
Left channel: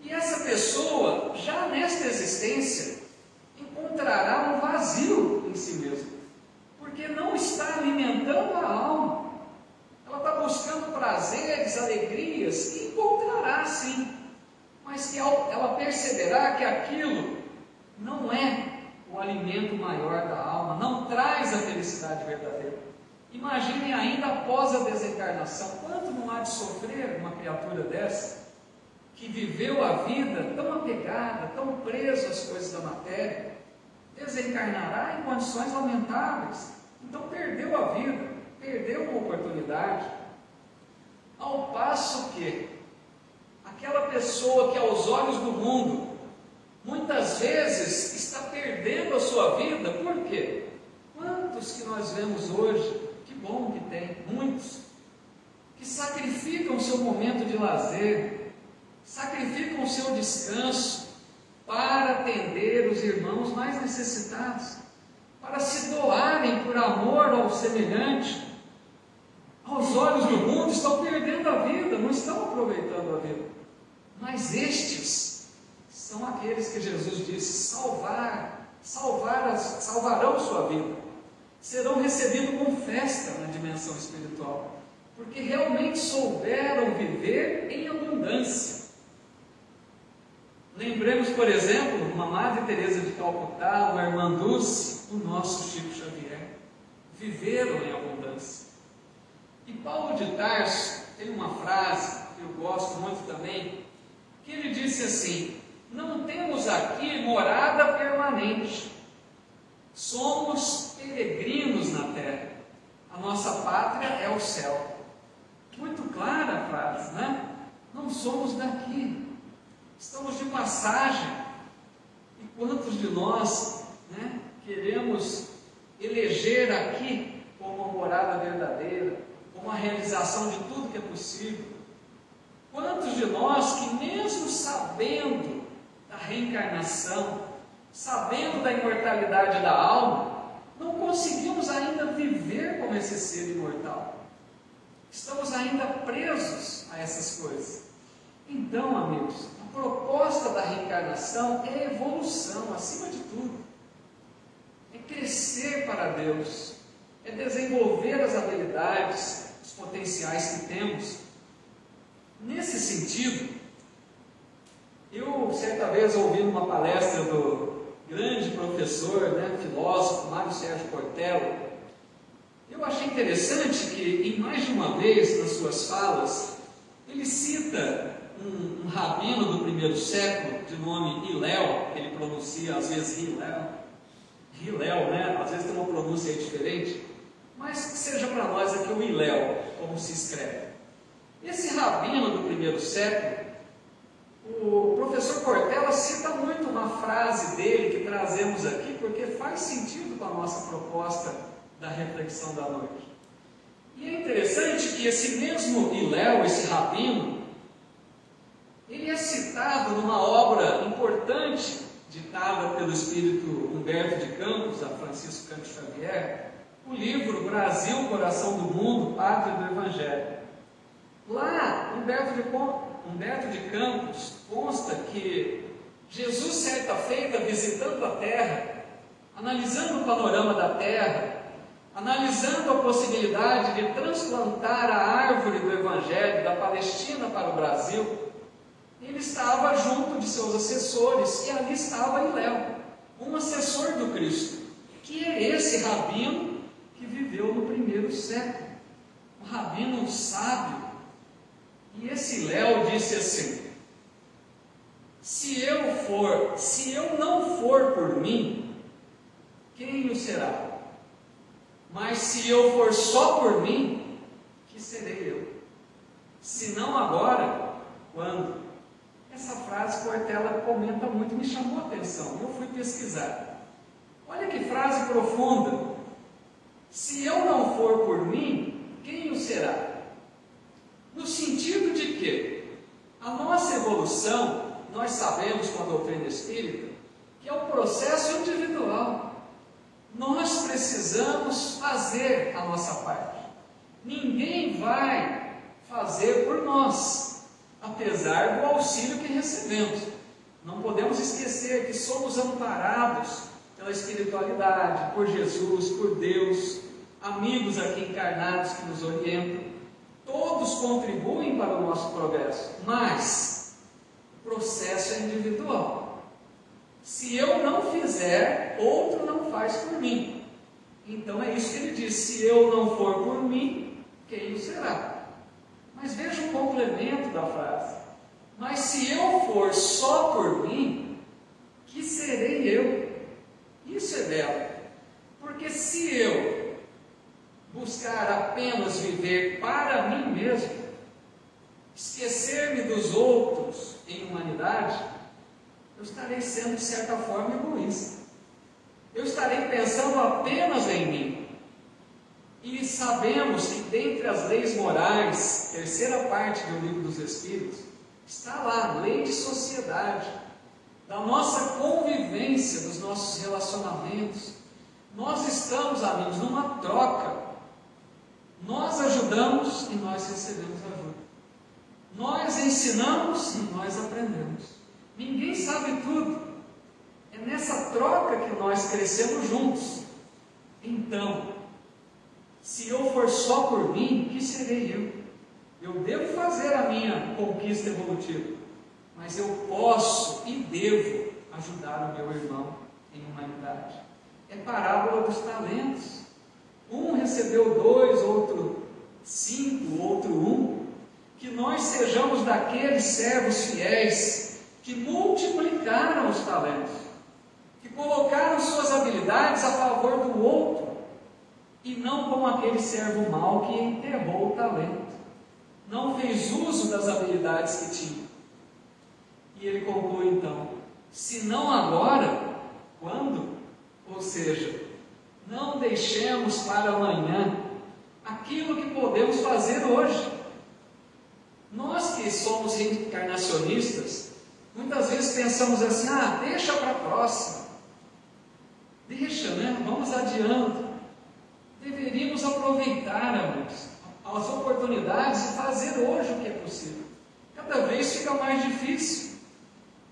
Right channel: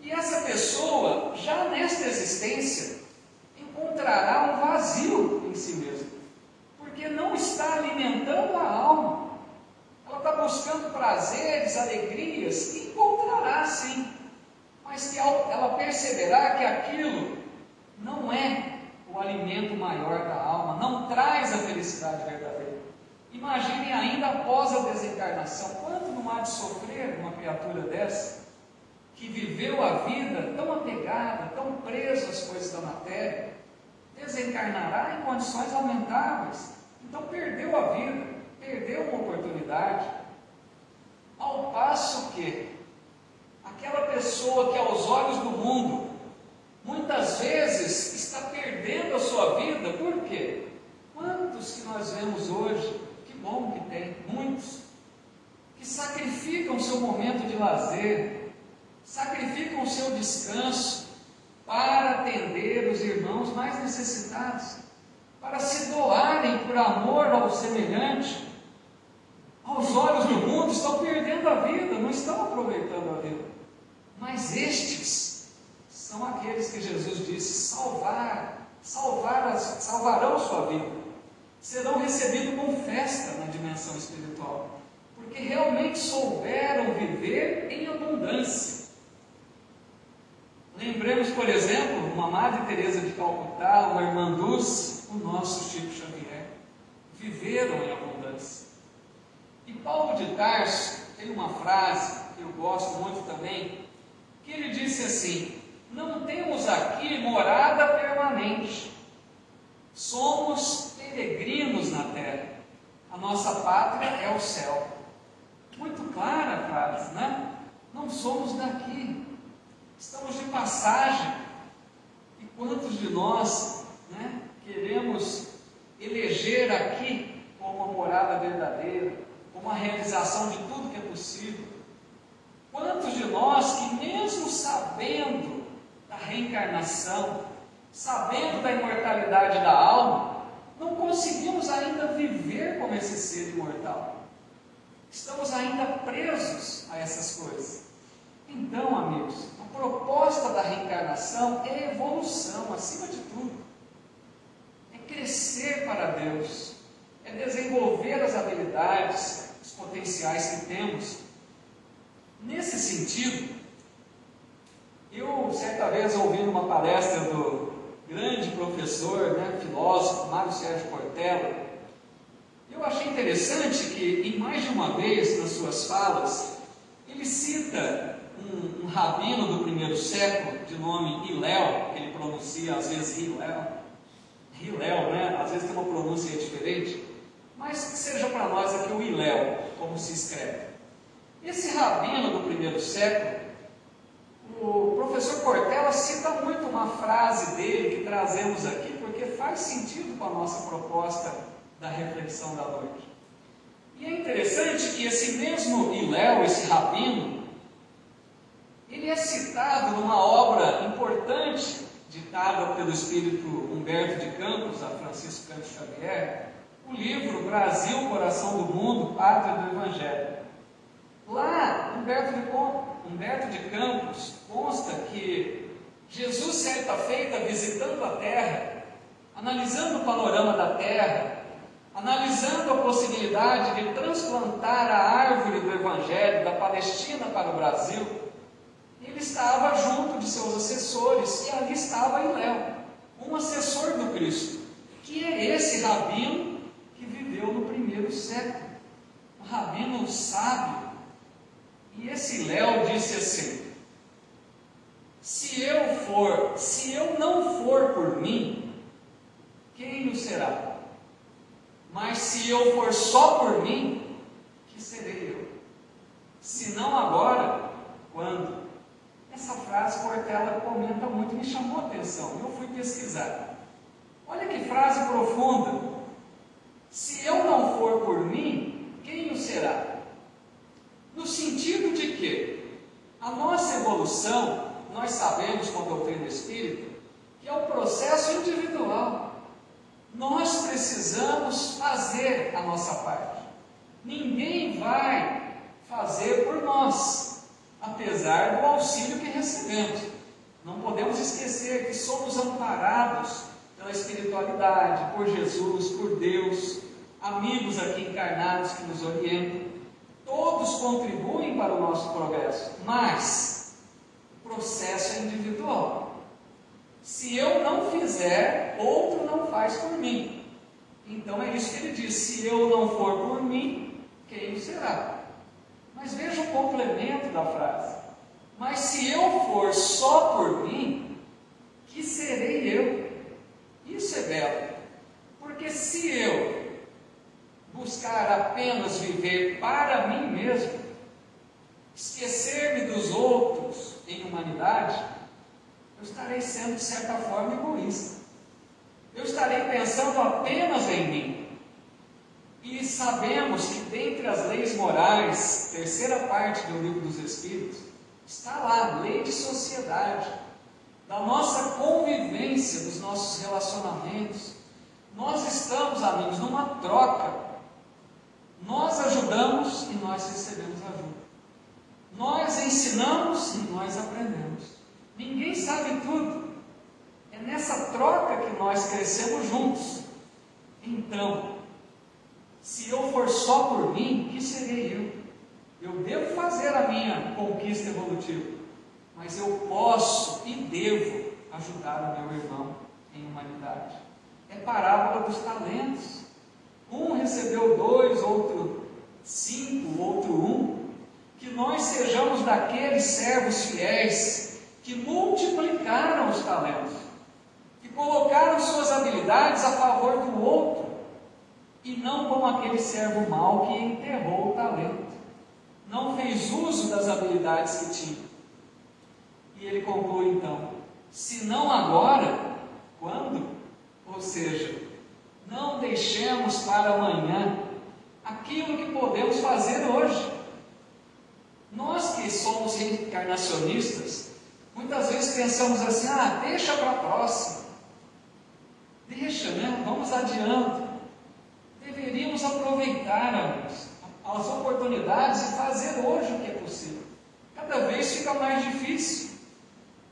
E essa pessoa, já nesta existência, encontrará um vazio em si mesma, porque não está alimentando a alma. Ela está buscando prazeres, alegrias, e encontrará sim, mas que ela perceberá que aquilo não é o alimento maior da alma, não traz a felicidade verdadeira. Imaginem ainda após a desencarnação, quanto não há de sofrer uma criatura dessa, que viveu a vida tão apegada, tão presa às coisas da matéria, desencarnará em condições lamentáveis. Então perdeu a vida, perdeu uma oportunidade. Ao passo que aquela pessoa que aos olhos do mundo muitas vezes está perdendo a sua vida, por quê? Quantos que nós vemos hoje, que bom que tem, muitos, que sacrificam o seu momento de lazer, sacrificam o seu descanso para atender os irmãos mais necessitados, para se doarem por amor ao semelhante. Aos olhos do mundo estão perdendo a vida, não estão aproveitando a vida. Mas estes são aqueles que Jesus disse salvarão sua vida, serão recebidos com festa na dimensão espiritual, porque realmente souberam viver em abundância. Lembremos, por exemplo, uma Madre Teresa de Calcutá, uma irmã Dulce, o nosso Chico Xavier, viveram em abundância. E Paulo de Tarso tem uma frase que eu gosto muito também, que ele disse assim: não temos aqui morada permanente, somos peregrinos na terra, a nossa pátria é o céu. Muito clara a frase, né? Não somos daqui, estamos de passagem. E quantos de nós, né, queremos eleger aqui como uma morada verdadeira, como a realização de tudo que é possível? Quantos de nós que, mesmo sabendo da reencarnação, sabendo da imortalidade da alma, não conseguimos ainda viver como esse ser imortal? Estamos ainda presos a essas coisas. Então, amigos, a proposta da reencarnação é evolução, acima de tudo. É crescer para Deus, é desenvolver as habilidades, os potenciais que temos. Nesse sentido, eu certa vez ouvi uma palestra do grande professor, filósofo, Mário Sérgio Cortella. Eu achei interessante que, em mais de uma vez nas suas falas, ele cita um rabino do primeiro século, de nome Hillel, ele pronuncia às vezes Hillel, né? Às vezes tem uma pronúncia diferente, mas que seja para nós aqui o Hillel, como se escreve. Esse rabino do primeiro século, o professor Cortella cita muito uma frase dele que trazemos aqui, porque faz sentido com a nossa proposta da reflexão da noite. E é interessante que esse mesmo Hillel, esse rabino, ele é citado numa obra importante, ditada pelo espírito Humberto de Campos, a Francisco Cândido Xavier, o livro Brasil, Coração do Mundo, Pátria do Evangelho. Lá, Humberto de Campos consta que Jesus, certa feita, visitando a terra, analisando o panorama da terra, analisando a possibilidade de transplantar a árvore do Evangelho da Palestina para o Brasil, ele estava junto de seus assessores, e ali estava Hilel, um assessor do Cristo, que é esse rabino que viveu no primeiro século, um rabino sábio. E esse Hilel disse assim: se eu não for por mim, quem o será? Mas se eu for só por mim, que serei eu? Se não agora, quando? Essa frase Cortella comenta muito, me chamou a atenção, eu fui pesquisar. Olha que frase profunda. Se eu não for por mim, quem o será? No sentido de que a nossa evolução, nós sabemos com a doutrina espírita, que é um processo individual. Nós precisamos fazer a nossa parte. Ninguém vai fazer por nós, apesar do auxílio que recebemos. Não podemos esquecer que somos amparados pela espiritualidade, por Jesus, por Deus, amigos aqui encarnados que nos orientam. Todos contribuem para o nosso progresso, mas o processo é individual. Se eu não fizer, outro não faz por mim. Então é isso que ele diz: se eu não for por mim, quem o será? Mas veja o complemento da frase: mas se eu for só por mim, que serei eu? Isso é belo, porque se eu buscar apenas viver para mim mesmo, esquecer-me dos outros em humanidade, eu estarei sendo, de certa forma, egoísta. Eu estarei pensando apenas em mim. E sabemos que dentre as leis morais, terceira parte do Livro dos Espíritos, está lá, lei de sociedade, da nossa convivência, dos nossos relacionamentos. Nós estamos, amigos, numa troca. Nós ajudamos e nós recebemos ajuda. Nós ensinamos e nós aprendemos. Ninguém sabe tudo. É nessa troca que nós crescemos juntos. Então, se eu for só por mim, que serei eu? Eu devo fazer a minha conquista evolutiva, mas eu posso e devo ajudar o meu irmão em humanidade. É parábola dos talentos. Um recebeu 2, outro 5, outro 1. Que nós sejamos daqueles servos fiéis que multiplicaram os talentos, que colocaram suas habilidades a favor do outro, e não como aquele servo mau que enterrou o talento, não fez uso das habilidades que tinha. E ele conclui então: se não agora, quando? Ou seja, não deixemos para amanhã aquilo que podemos fazer hoje. Nós que somos reencarnacionistas, muitas vezes pensamos assim: deixa para a próxima. Deixa, né? Vamos adiante. Deveríamos aproveitar, amigos, as oportunidades e fazer hoje o que é possível. Cada vez fica mais difícil.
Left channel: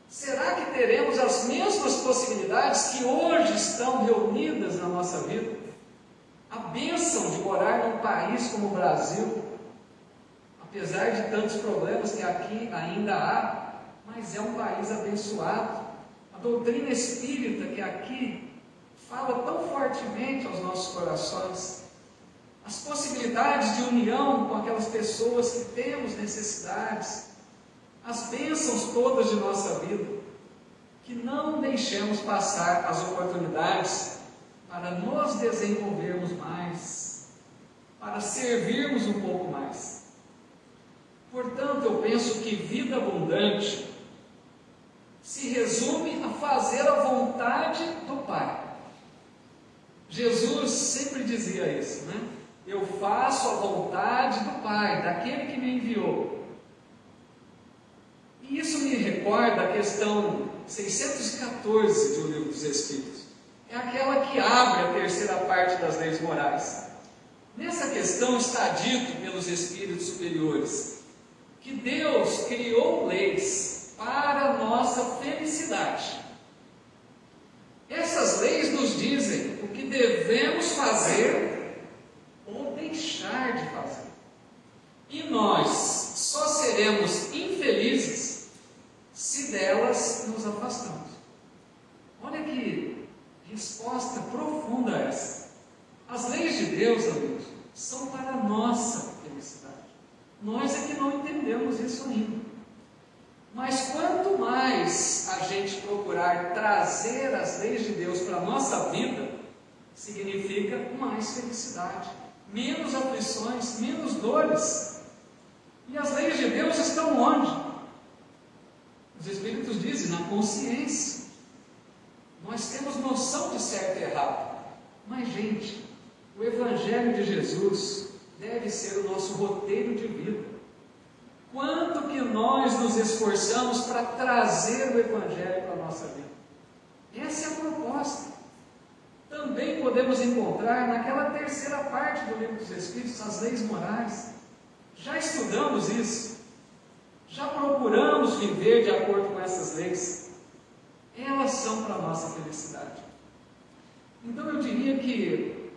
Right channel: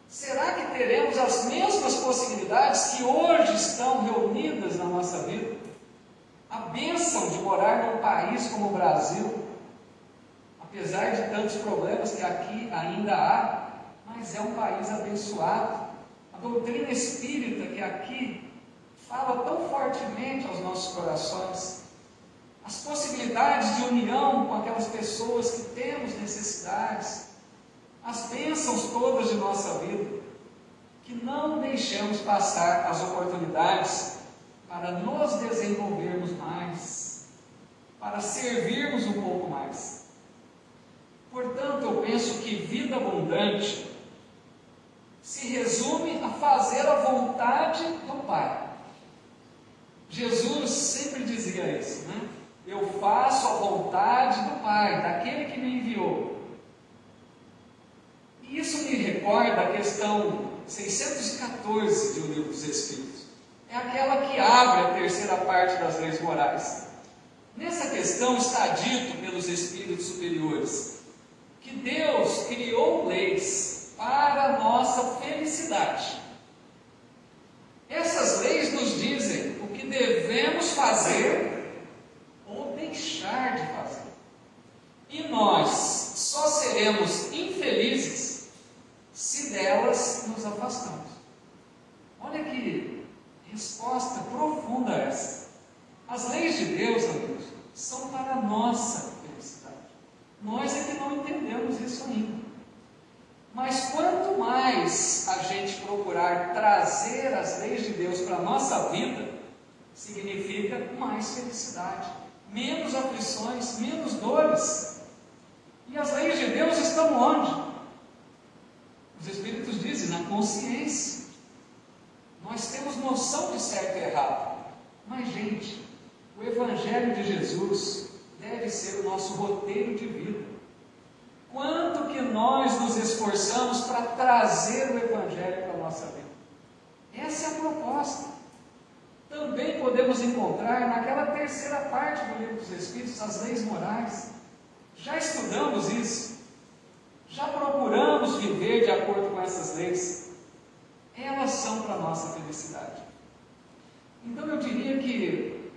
Será que teremos as mesmas possibilidades que hoje estão reunidas na nossa vida? A bênção de morar num país como o Brasil, apesar de tantos problemas que aqui ainda há, mas é um país abençoado. A doutrina espírita que aqui fala tão fortemente aos nossos corações, as possibilidades de união com aquelas pessoas que temos necessidades, as bênçãos todas de nossa vida, que não deixemos passar as oportunidades para nos desenvolvermos mais, para servirmos um pouco mais. Portanto, eu penso que vida abundante se resume a fazer a vontade do Pai. Jesus sempre dizia isso, né? Eu faço a vontade do Pai, daquele que me enviou. E isso me recorda a questão 614 do Livro dos Espíritos. É aquela que abre a terceira parte das leis morais. Nessa questão está dito pelos Espíritos superiores que Deus criou leis para a nossa felicidade. seremos infelizes se delas nos afastamos. Olha que resposta profunda essa. As leis de Deus, amigos, são para a nossa felicidade. Nós é que não entendemos isso ainda. Mas quanto mais a gente procurar trazer as leis de Deus para a nossa vida, significa mais felicidade, menos aflições, menos dores. E as leis de Deus estão onde? Os Espíritos dizem, na consciência. Nós temos noção de certo e errado. Mas, gente, o Evangelho de Jesus deve ser o nosso roteiro de vida. Quanto que nós nos esforçamos para trazer o Evangelho para a nossa vida? Essa é a proposta. Também podemos encontrar naquela terceira parte do Livro dos Espíritos, as leis morais. Já estudamos isso. Já procuramos viver de acordo com essas leis. Elas são para a nossa felicidade. Então eu diria que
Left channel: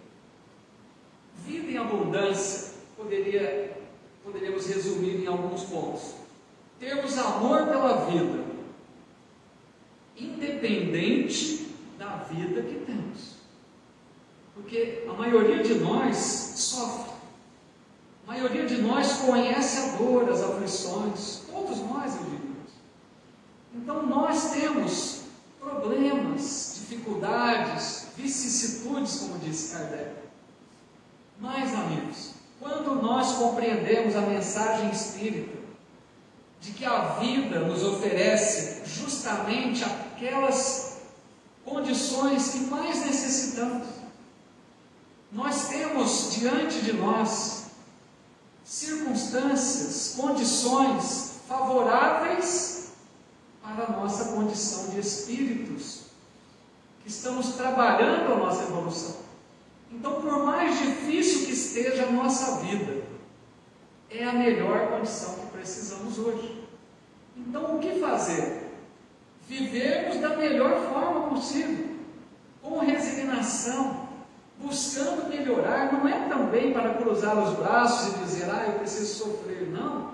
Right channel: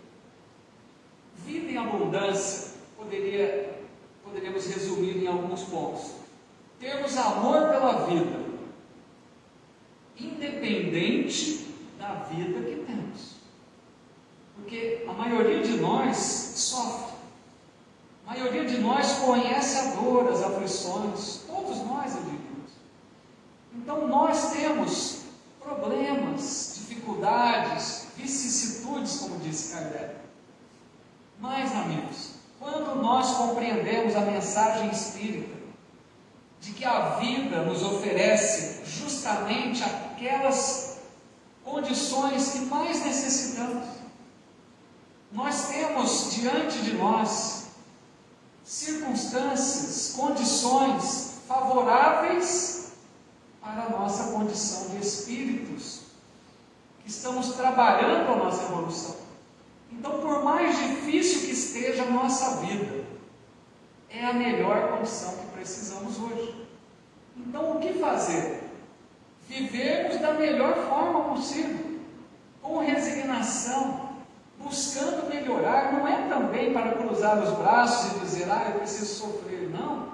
vida em abundância poderíamos resumir em alguns pontos. Termos amor pela vida, independente da vida que temos. Porque a maioria de nós sofre. A maioria de nós conhece a dor, as aflições. Todos nós, eu diria. Então nós temos problemas, dificuldades, vicissitudes, como disse Kardec. Mas, amigos, quando nós compreendemos a mensagem espírita de que a vida nos oferece justamente aquelas condições que mais necessitamos, nós temos diante de nós circunstâncias, condições favoráveis para a nossa condição de espíritos que estamos trabalhando a nossa evolução. Então, por mais difícil que esteja a nossa vida, é a melhor condição que precisamos hoje. Então, o que fazer? Vivermos da melhor forma possível, com resignação, buscando melhorar. Não é também para cruzar os braços e dizer, eu preciso sofrer, não.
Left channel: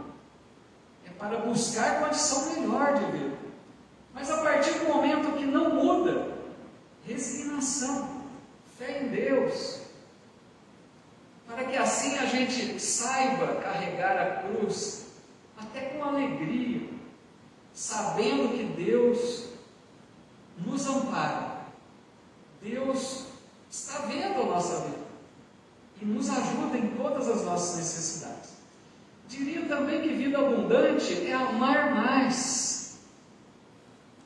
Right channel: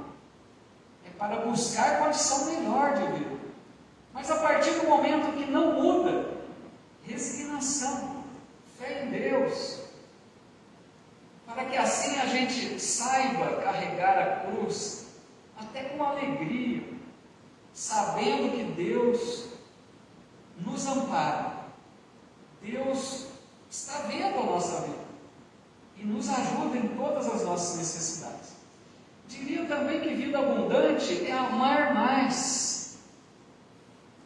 É para buscar condição melhor de vida. Mas a partir do momento que não muda, resignação, fé em Deus, para que assim a gente saiba carregar a cruz, até com alegria, sabendo que Deus nos ampara, Deus está vendo a nossa vida e nos ajuda em todas as nossas necessidades. Diria também que vida abundante é amar mais,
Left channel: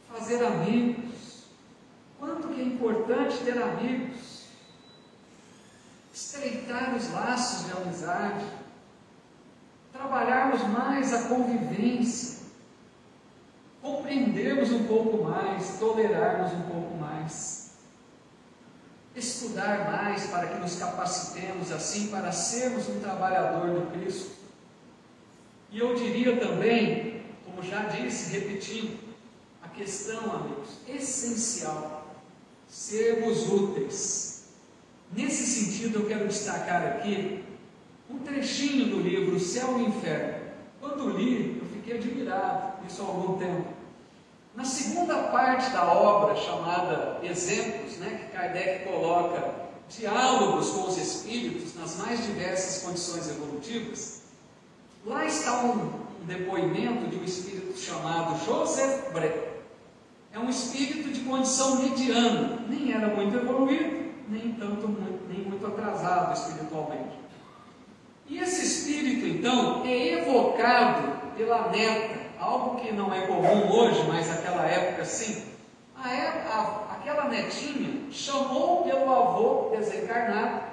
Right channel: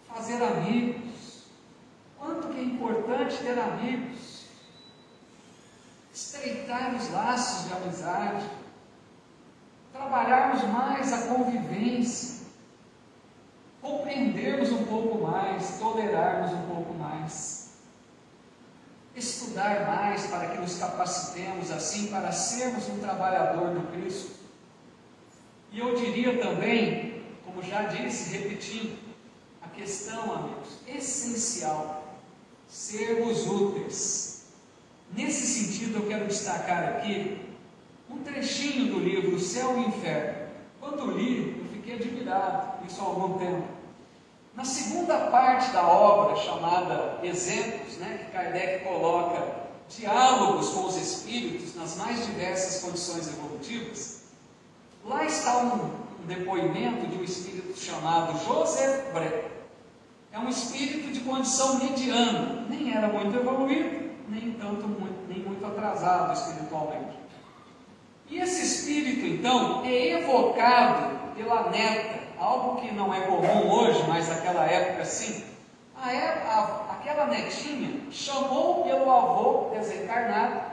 fazer amigos. Quanto que é importante ter amigos, estreitar os laços de amizade, trabalharmos mais a convivência, compreendermos um pouco mais, tolerarmos um pouco mais, estudar mais para que nos capacitemos assim para sermos um trabalhador do Cristo. E eu diria também, como já disse, repetindo, a questão, amigos, essencial, sermos úteis. Nesse sentido, eu quero destacar aqui um trechinho do livro O Céu e o Inferno. Quando li, eu fiquei admirado, isso há algum tempo. Na segunda parte da obra, chamada Exemplos, que Kardec coloca diálogos com os espíritos nas mais diversas condições evolutivas, lá está um depoimento de um espírito chamado Joseph Bré. É um espírito de condição mediana, nem era muito evoluído, nem muito atrasado espiritualmente. E esse espírito, então, é evocado pela neta, algo que não é comum hoje, mas naquela época sim. Aquela netinha chamou pelo avô desencarnado,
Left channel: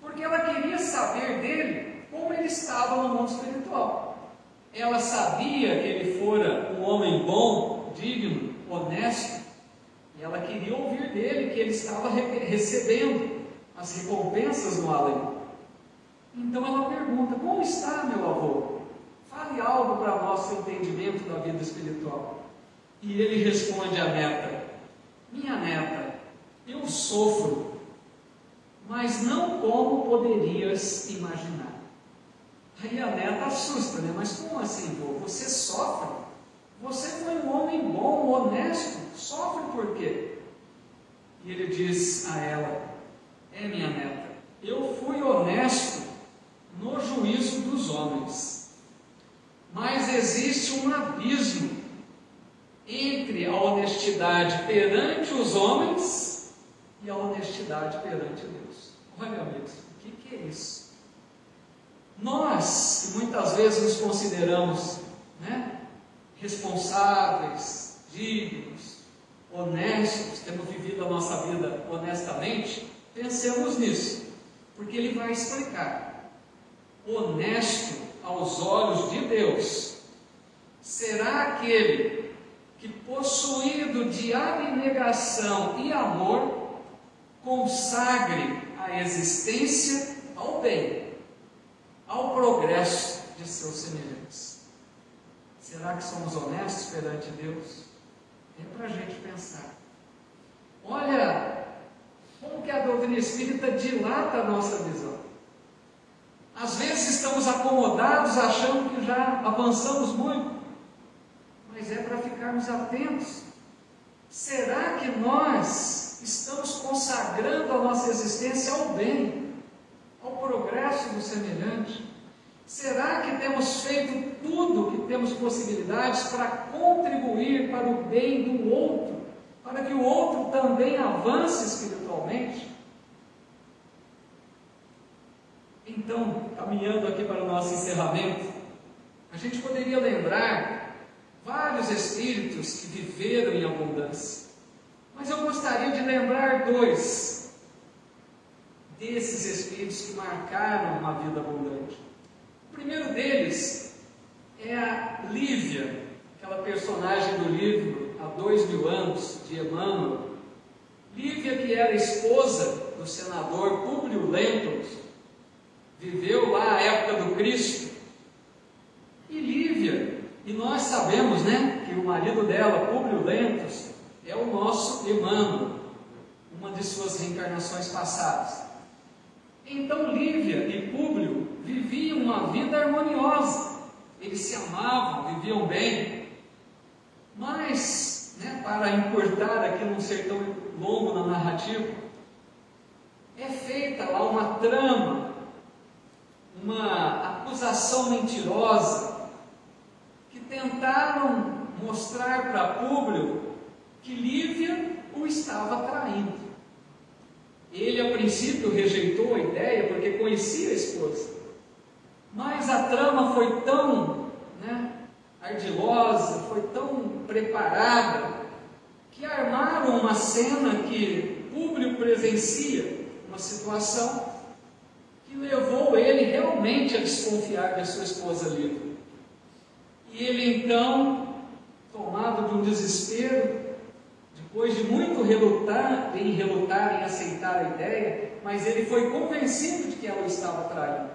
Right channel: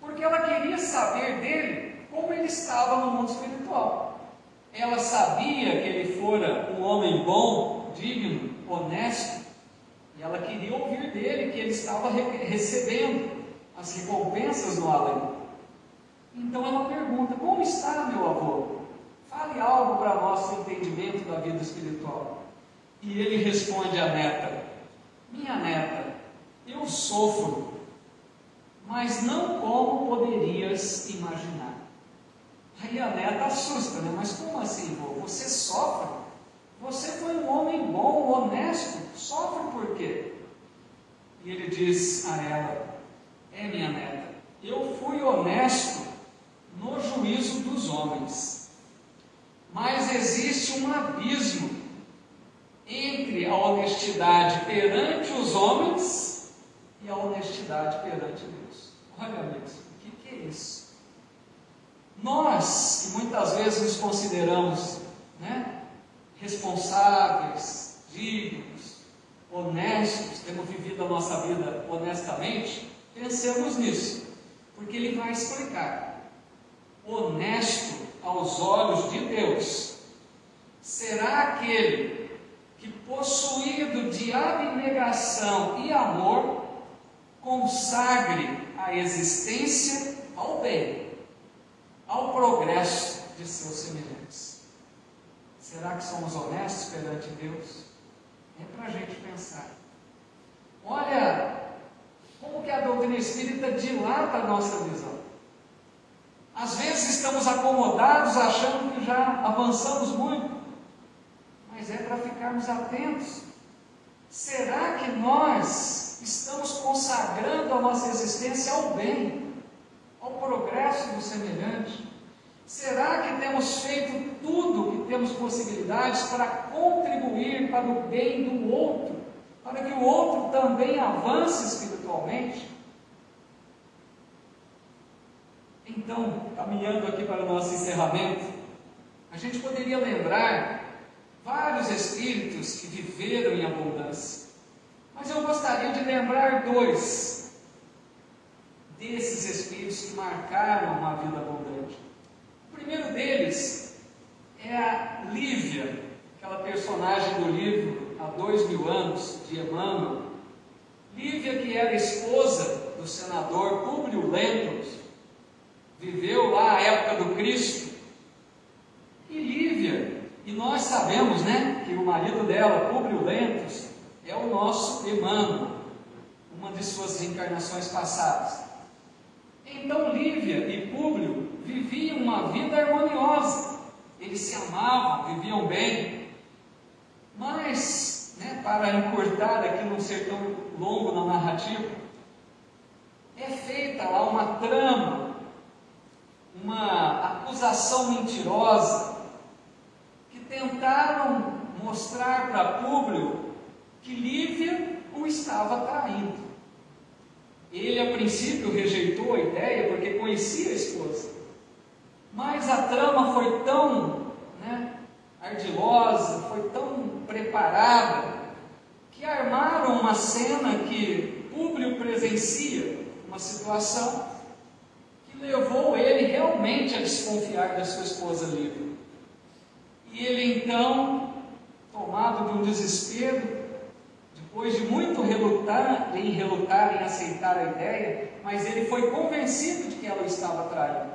porque ela queria saber dele como ele estava no mundo espiritual. Ela sabia que ele fora um homem bom, digno, honesto, e ela queria ouvir dele que ele estava recebendo as recompensas no além. Então ela pergunta: como está meu avô? Fale algo para nosso entendimento da vida espiritual. E ele responde à neta: minha neta, eu sofro, mas não como poderias imaginar. Aí a neta assusta, né? Mas como assim, vô? Você sofre? Você foi um homem bom, honesto, sofre por quê? E ele diz a ela: minha neta, eu fui honesto no juízo dos homens, mas existe um abismo entre a honestidade perante os homens e a honestidade perante Deus. Olha, amigos, o que é isso? Nós, que muitas vezes nos consideramos, né, responsáveis, dignos, honestos, temos vivido a nossa vida honestamente, pensemos nisso, porque ele vai explicar. Honesto aos olhos de Deus será aquele que, possuído de abnegação e amor, consagre a existência ao bem, ao progresso de seus semelhantes. Será que somos honestos perante Deus? É para a gente pensar. Olha como que a doutrina espírita dilata a nossa visão. Às vezes estamos acomodados achando que já avançamos muito, mas é para ficarmos atentos. Será que nós estamos consagrando a nossa existência ao bem, ao progresso do semelhante? Será que temos feito tudo que temos possibilidades para contribuir para o bem do outro, para que o outro também avance espiritualmente? Então, caminhando aqui para o nosso encerramento, a gente poderia lembrar vários espíritos que viveram em abundância, mas eu gostaria de lembrar dois desses espíritos que marcaram uma vida abundante. O primeiro deles é a Lívia, aquela personagem do livro Há 2000 anos, de Emmanuel. Lívia, que era esposa do senador Públio Lentulus, viveu lá a época do Cristo. E Lívia, e nós sabemos, né, que o marido dela, Públio Lentulus, é o nosso Emmanuel, uma de suas reencarnações passadas. Então Lívia e Públio viviam uma vida harmoniosa, eles se amavam, viviam bem, mas, né, para encurtar aqui, não ser tão longo na narrativa, é feita lá uma trama, uma acusação mentirosa, que tentaram mostrar para Públio que Lívia o estava traindo. Ele, a princípio, rejeitou a ideia porque conhecia a esposa, mas a trama foi tão, ardilosa, foi tão preparada, que armaram uma cena que Públio presencia, uma situação que levou ele realmente a desconfiar da sua esposa Lívia. E ele então, tomado de um desespero, depois de muito relutar em aceitar a ideia, mas ele foi convencido de que ela o estava traindo.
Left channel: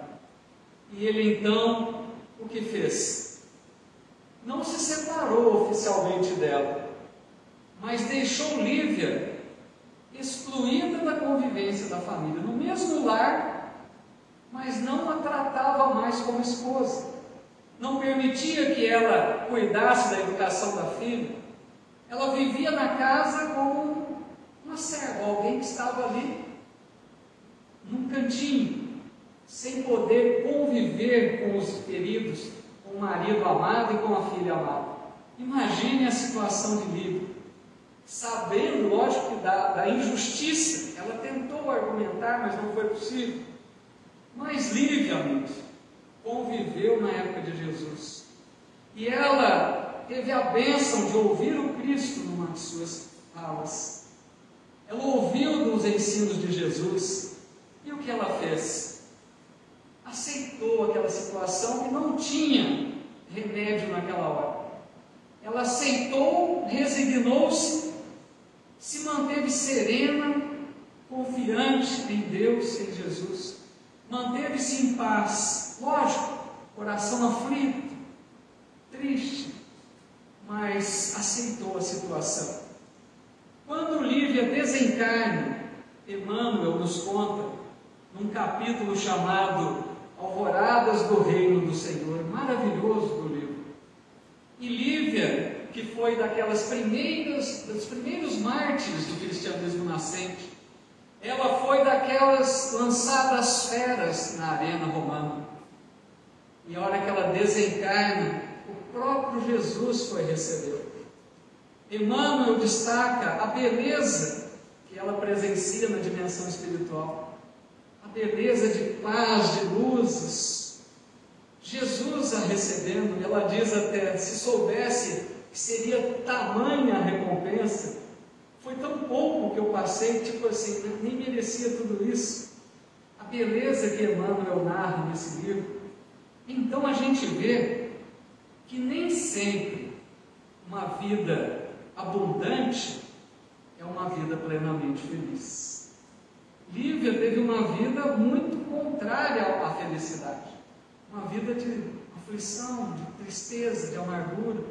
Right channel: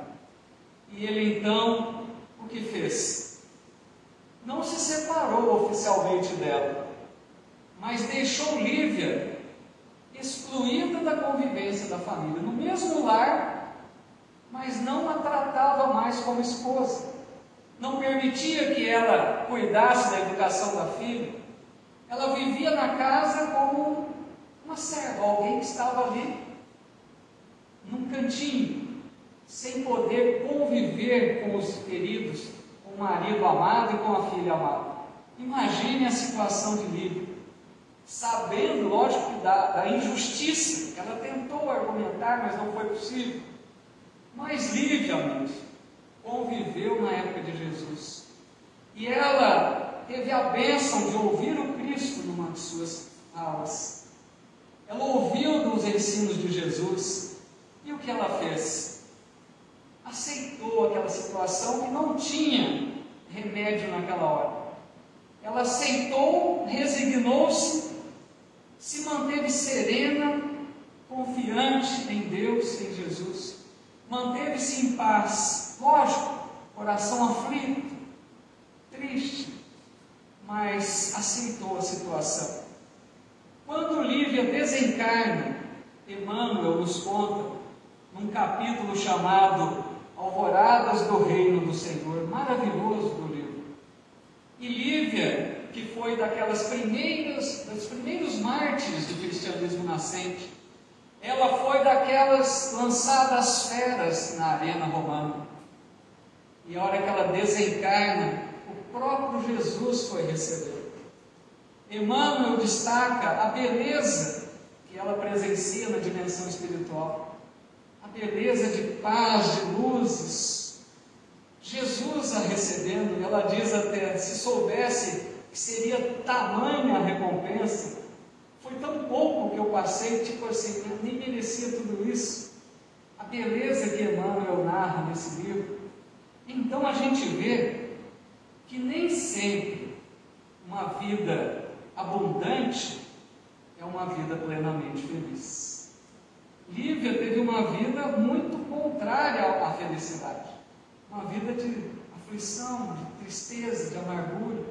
E ele então, o que fez? Não se separou oficialmente dela, mas deixou Lívia excluída da convivência da família, no mesmo lar, mas não a tratava mais como esposa. Não permitia que ela cuidasse da educação da filha. Ela vivia na casa como uma serva, alguém que estava ali, num cantinho, sem poder conviver com os queridos, com o marido amado e com a filha amada. Imagine a situação de Lívia, sabendo, lógico, da injustiça. Ela tentou argumentar, mas não foi possível. Mas Lívia, amigos, conviveu na época de Jesus, e ela teve a bênção de ouvir o Cristo numa de suas falas. Ela ouviu dos ensinos de Jesus, e o que ela fez? Aceitou aquela situação que não tinha remédio naquela hora. Ela aceitou, resignou-se, se manteve serena, confiante em Deus, em Jesus, manteve-se em paz, lógico, coração aflito, triste, mas aceitou a situação. Quando Lívia desencarna, Emmanuel nos conta, num capítulo chamado Ao Alvoradas do Reino do Senhor, maravilhoso do livro. E Lívia, que foi dos primeiros mártires do cristianismo nascente, ela foi daquelas lançadas às feras na arena romana. E a hora que ela desencarna, o próprio Jesus foi receber. Emmanuel destaca a beleza que ela presencia na dimensão espiritual, a beleza de paz, de luzes. Jesus a recebendo, ela diz até, se soubesse que seria tamanha a recompensa, foi tão pouco que eu passei, tipo assim, nem merecia tudo isso. A beleza que Emmanuel narra nesse livro. Então a gente vê que nem sempre uma vida abundante é uma vida plenamente feliz. Lívia teve uma vida muito contrária à felicidade, uma vida de aflição, de tristeza, de amargura,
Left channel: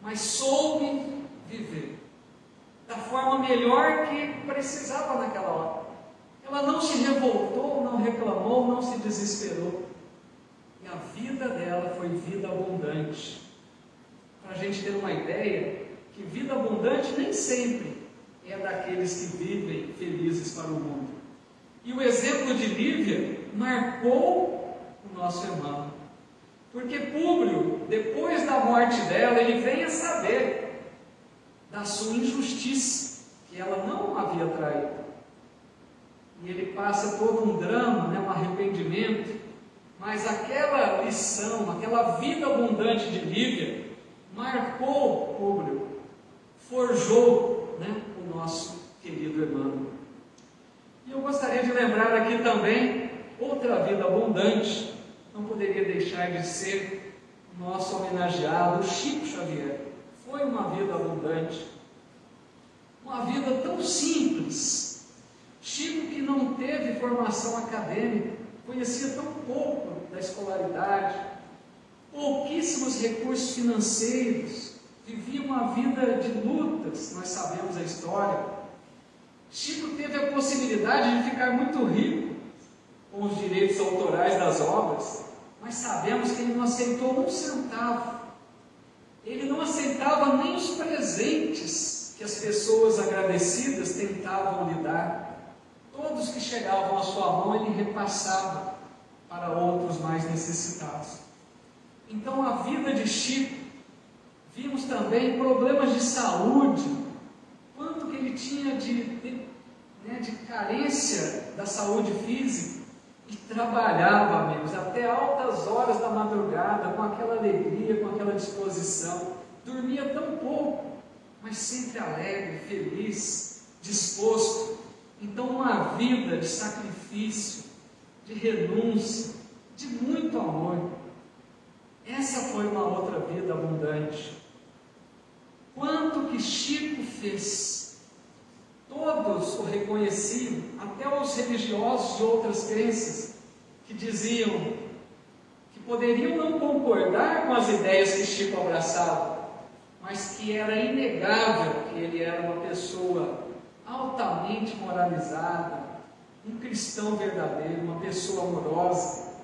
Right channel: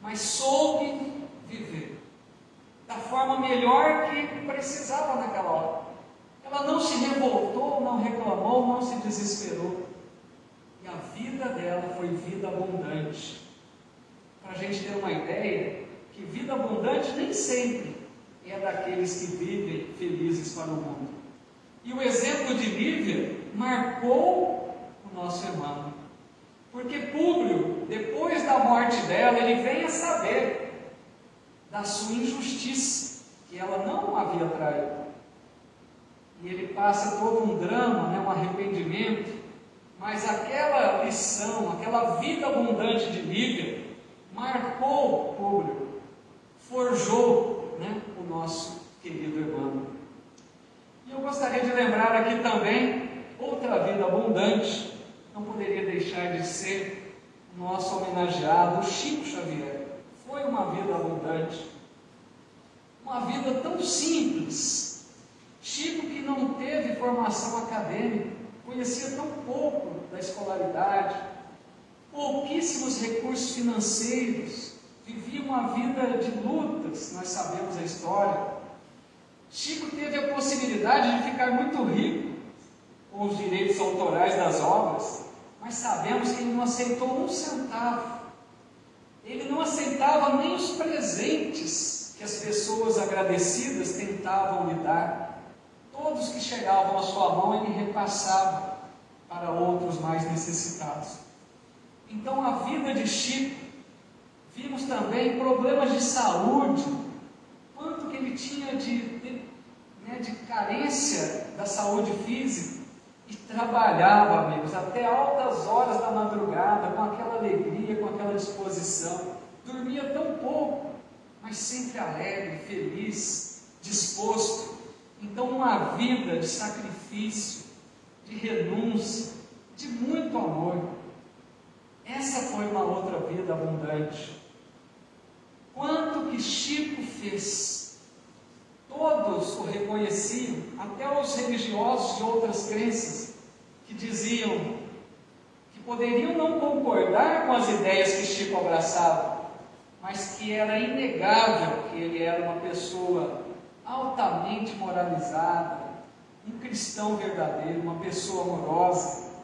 mas soube viver da forma melhor que precisava naquela hora. Ela não se revoltou, não reclamou, não se desesperou. E a vida dela foi vida abundante. Para a gente ter uma ideia, que vida abundante nem sempre é daqueles que vivem felizes para o mundo. E o exemplo de Lívia marcou o nosso irmão. Porque Públio, depois da morte dela, ele vem a saber da sua injustiça, que ela não havia traído. E ele passa todo um drama, um arrependimento, mas aquela lição, aquela vida abundante de Lívia, marcou Públio, forjou o nosso querido irmão. E eu gostaria de lembrar aqui também outra vida abundante, não poderia deixar de ser nosso homenageado, Chico Xavier. Foi uma vida abundante, uma vida tão simples. Chico, que não teve formação acadêmica, conhecia tão pouco da escolaridade, pouquíssimos recursos financeiros, vivia uma vida de lutas, nós sabemos a história. Chico teve a possibilidade de ficar muito rico com os direitos autorais das obras, mas sabemos que ele não aceitou um centavo. Ele não aceitava nem os presentes que as pessoas agradecidas tentavam lhe dar. Todos que chegavam à sua mão, ele repassava para outros mais necessitados. Então, a vida de Chico, vimos também problemas de saúde, quanto que ele tinha de carência da saúde física, e trabalhava, amigos, até altas horas da madrugada, com aquela alegria, com aquela disposição. Dormia tão pouco, mas sempre alegre, feliz, disposto. Então, uma vida de sacrifício, de renúncia, de muito amor. Essa foi uma outra vida abundante. Quanto que Chico fez? Todos o reconheciam, até os religiosos de outras crenças, que diziam que poderiam não concordar com as ideias que Chico abraçava, mas que era inegável que ele era uma pessoa altamente moralizada, um cristão verdadeiro, uma pessoa amorosa.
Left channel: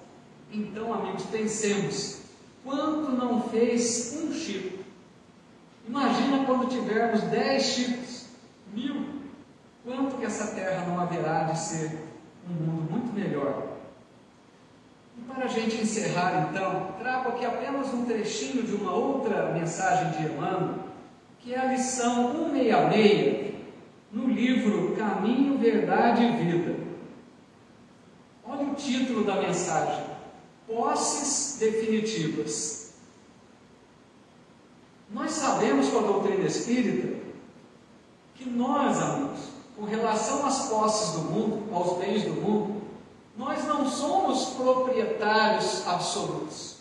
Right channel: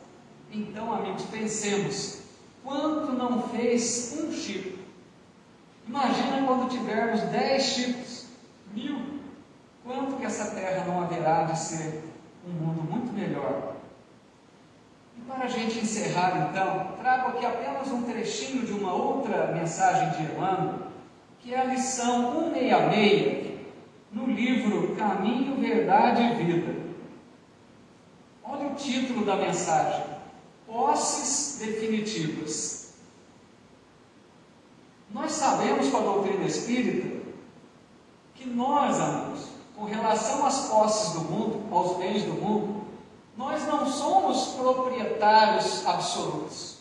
Então, amigos, pensemos, quanto não fez um Chico? Imagina quando tivermos 10 Chicos, 1000, quanto que essa terra não haverá de ser um mundo muito melhor. E para a gente encerrar então, trago aqui apenas um trechinho de uma outra mensagem de Emmanuel, que é a lição 166, no livro Caminho, Verdade e Vida. Olha o título da mensagem: Posses Definitivas. Nós sabemos com a doutrina espírita que nós, amigos, com relação às posses do mundo, aos bens do mundo, nós não somos proprietários absolutos.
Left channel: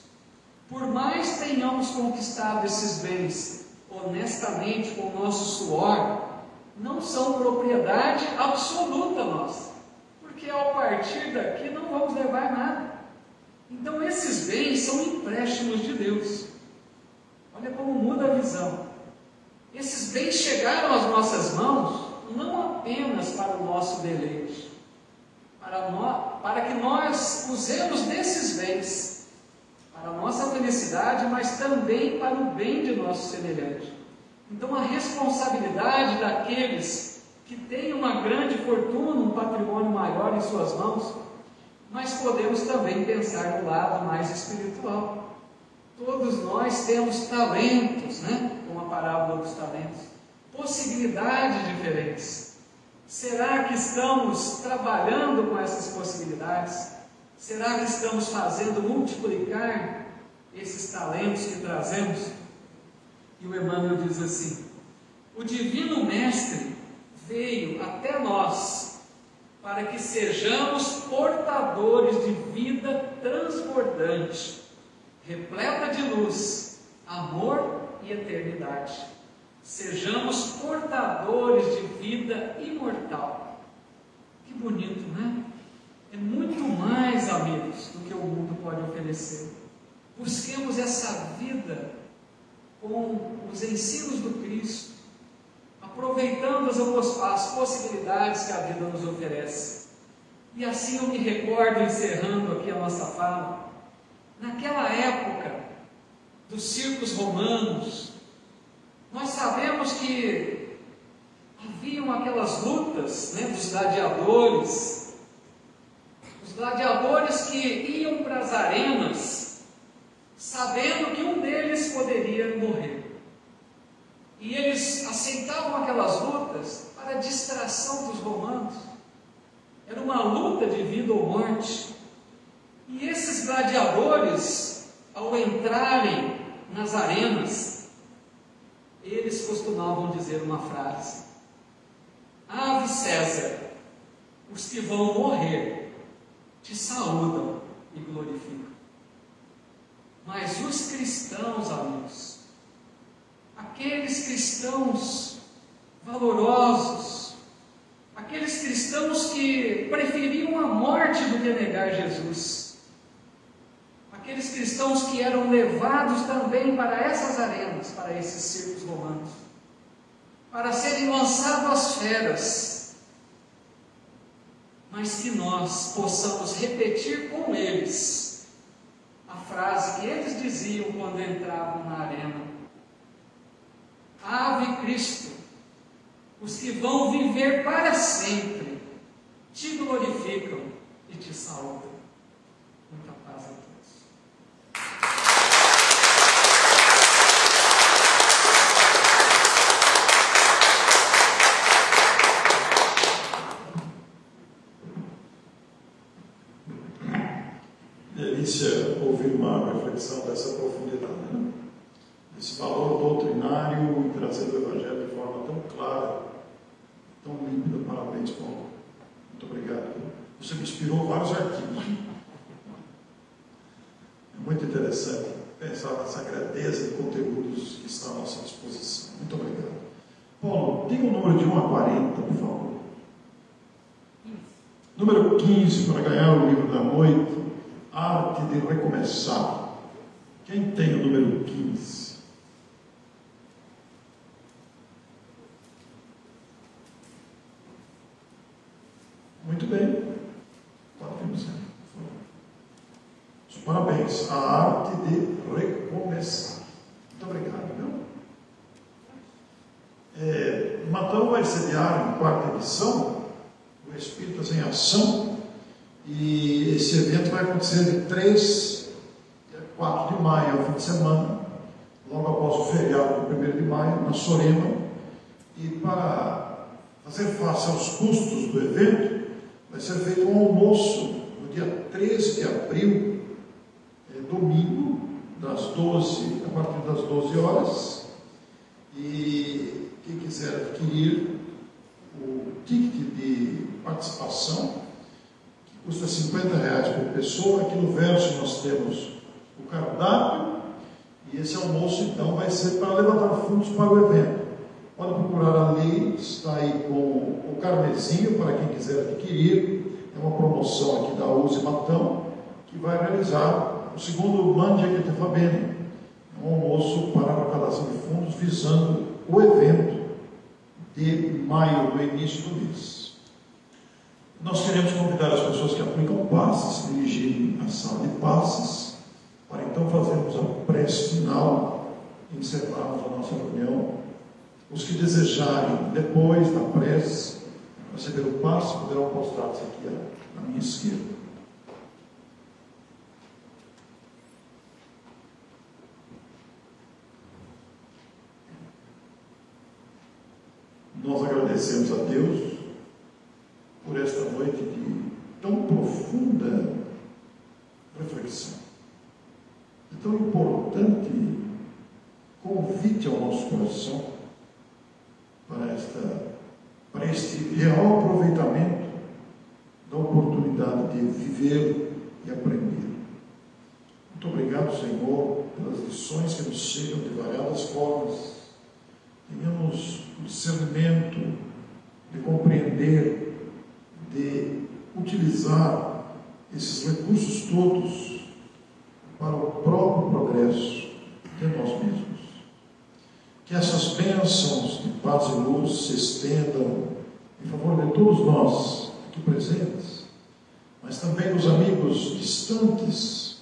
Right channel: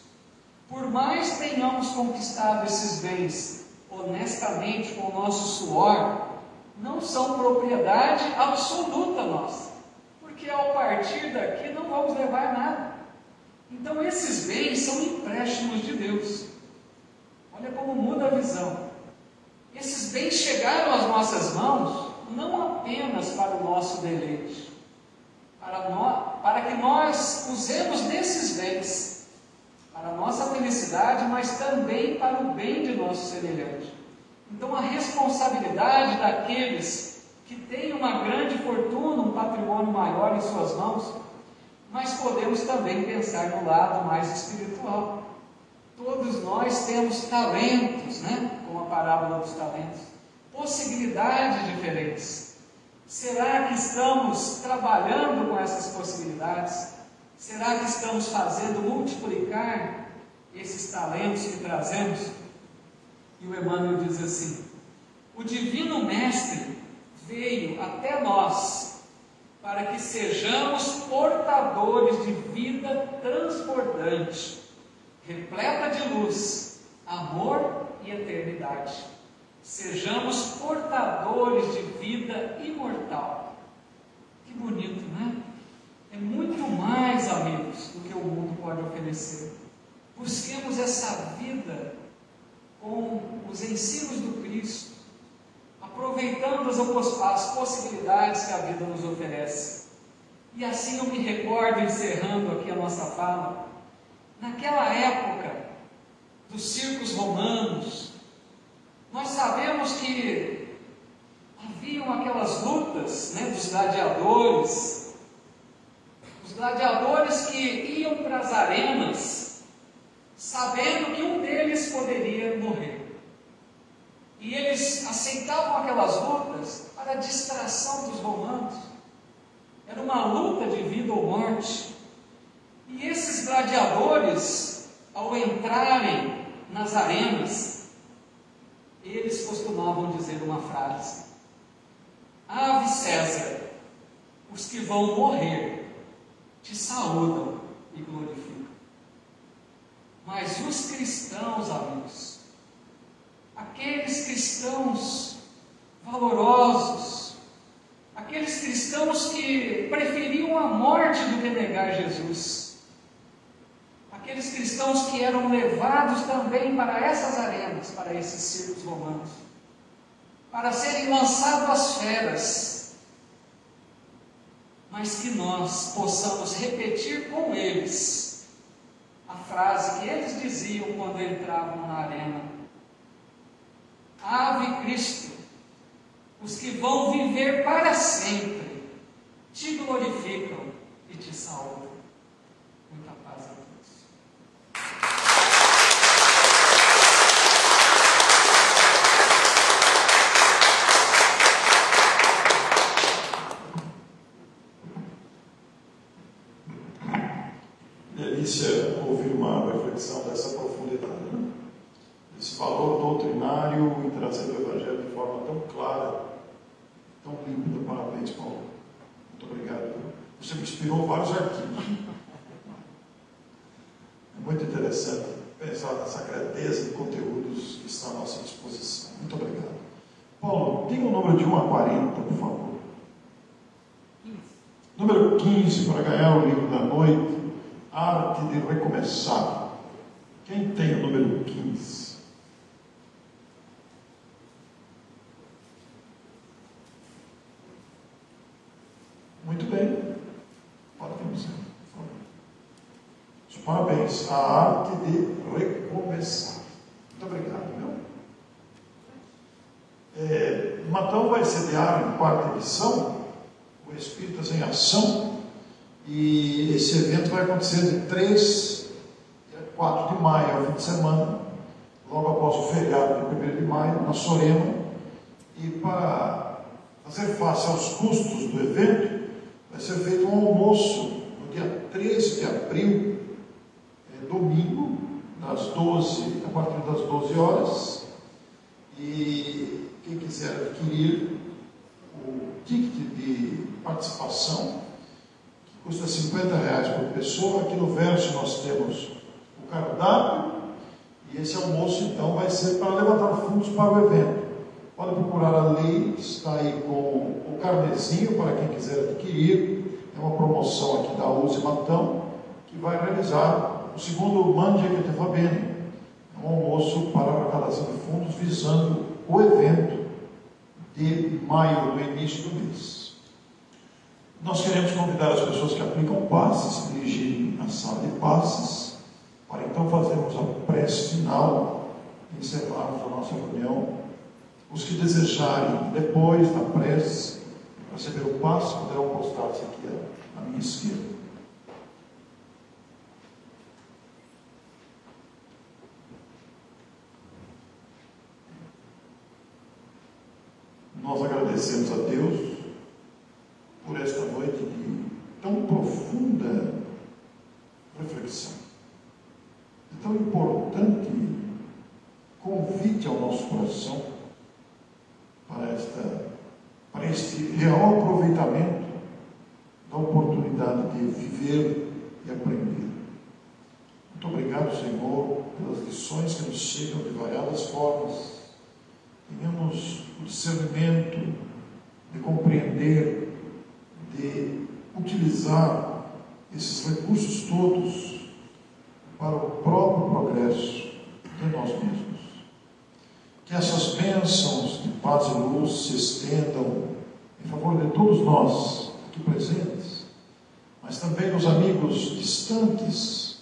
Por mais tenhamos conquistado esses bens honestamente com o nosso suor, não são propriedade absoluta nossa, porque ao partir daqui não vamos levar nada. Então esses bens são empréstimos de Deus. Olha como muda a visão. Esses bens chegaram às nossas mãos não apenas para o nosso deleite, para para que nós usemos desses bens para a nossa felicidade, mas também para o bem de nosso semelhante. Então, a responsabilidade daqueles que têm uma grande fortuna, um patrimônio maior em suas mãos, mas podemos também pensar no lado mais espiritual. Todos nós temos talentos, né? Como a parábola dos talentos, possibilidades diferentes. Será que estamos trabalhando com essas possibilidades? Será que estamos fazendo multiplicar esses talentos que trazemos? E o Emmanuel diz assim: o Divino Mestre veio até nós para que sejamos portadores de vida transbordante, repleta de luz, amor e eternidade. Sejamos portadores de vida imortal. Que bonito, né? É muito mais, amigos, do que o mundo pode oferecer. Busquemos essa vida com os ensinos do Cristo, aproveitando as possibilidades que a vida nos oferece. E assim eu me recordo, encerrando aqui a nossa fala, naquela época dos circos romanos, nós sabemos que haviam aquelas lutas, né, dos gladiadores, os gladiadores que iam para as arenas, sabendo que um deles poderia morrer. E eles aceitavam aquelas lutas para a distração dos romanos. Era uma luta de vida ou morte. E esses gladiadores, ao entrarem nas arenas, eles costumavam dizer uma frase: Ave César, os que vão morrer te saúdam e glorificam. Mas os cristãos, amigos, aqueles cristãos valorosos, aqueles cristãos que preferiam a morte do que negar Jesus, aqueles cristãos que eram levados também para essas arenas, para esses circos romanos, para serem lançados às feras, mas que nós possamos repetir com eles a frase que eles diziam quando entravam na arena: Ave Cristo, os que vão viver para sempre te glorificam e te saúdam. Muita paz a todos. Delícia ouvir uma reflexão dessa profundidade, né? Esse valor doutrinário e trazer o Evangelho de forma tão clara, tão límpida. Parabéns, Paulo. Muito obrigado. Você me inspirou vários artigos. Muito interessante pensar nessa grandeza de conteúdos que estão à nossa disposição. Muito obrigado. Paulo, diga o número de 1 a 40, por favor. Número 15, para ganhar o livro da noite, Arte de Recomeçar. Quem tem o número 15? Muito bem. Pode vir você, por favor. Parabéns. A arte de recomeçar. Muito obrigado. Matão vai sediar em 4ª edição o Espíritas em Ação, e esse evento vai acontecer de 3 a 4 de maio, ao fim de semana, logo após o feriado de 1º de maio, na Sorena. E para fazer face aos custos do evento, vai ser feito um almoço no dia 13 de abril, domingo, a partir das 12 horas. E quem quiser adquirir o ticket de participação, que custa R$50 por pessoa, aqui no verso nós temos o cardápio, e esse almoço então vai ser para levantar fundos para o evento. Pode procurar a lei, está aí com o carnezinho para quem quiser adquirir. É uma promoção aqui da USE Matão, que vai realizar o segundo Mandica de Fabene, um almoço para a arrecadação de fundos visando o evento de maio, do início do mês. Nós queremos convidar as pessoas que aplicam passes a se dirigirem à sala de passes, para então fazermos a prece final e encerrarmos a nossa reunião. Os que desejarem, depois da prece, receber o passe, poderão postar-se aqui à minha esquerda. Nós agradecemos a Deus por esta noite de tão profunda reflexão, de tão importante convite ao nosso coração para este real aproveitamento da oportunidade de viver e aprender. Muito obrigado, Senhor, pelas lições que nos chegam de variadas formas. Tenhamos o discernimento de compreender, de utilizar esses recursos todos para o próprio progresso de nós mesmos. Que essas bênçãos de paz e luz se estendam em favor de todos nós aqui presentes, mas também dos amigos distantes,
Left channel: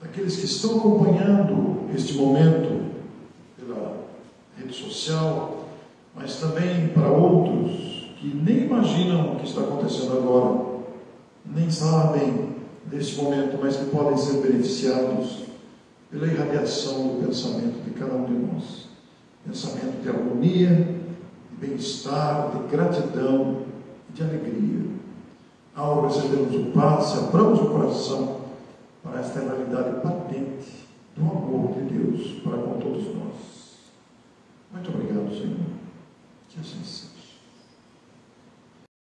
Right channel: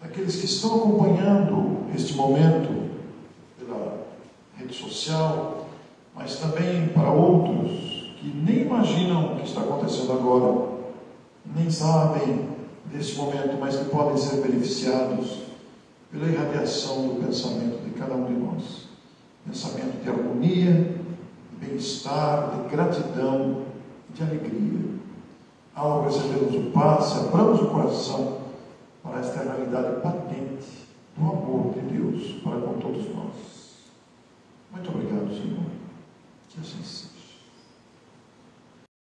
daqueles que estão acompanhando este momento pela rede social, mas também para outros que nem imaginam o que está acontecendo agora, nem sabem deste momento, mas que podem ser beneficiados pela irradiação do pensamento de cada um de nós. Pensamento de harmonia, de bem-estar, de gratidão, de alegria. Ao recebermos o passe, abramos o coração para esta realidade patente do amor de Deus para com todos nós. Muito obrigado, Senhor. Que assim seja.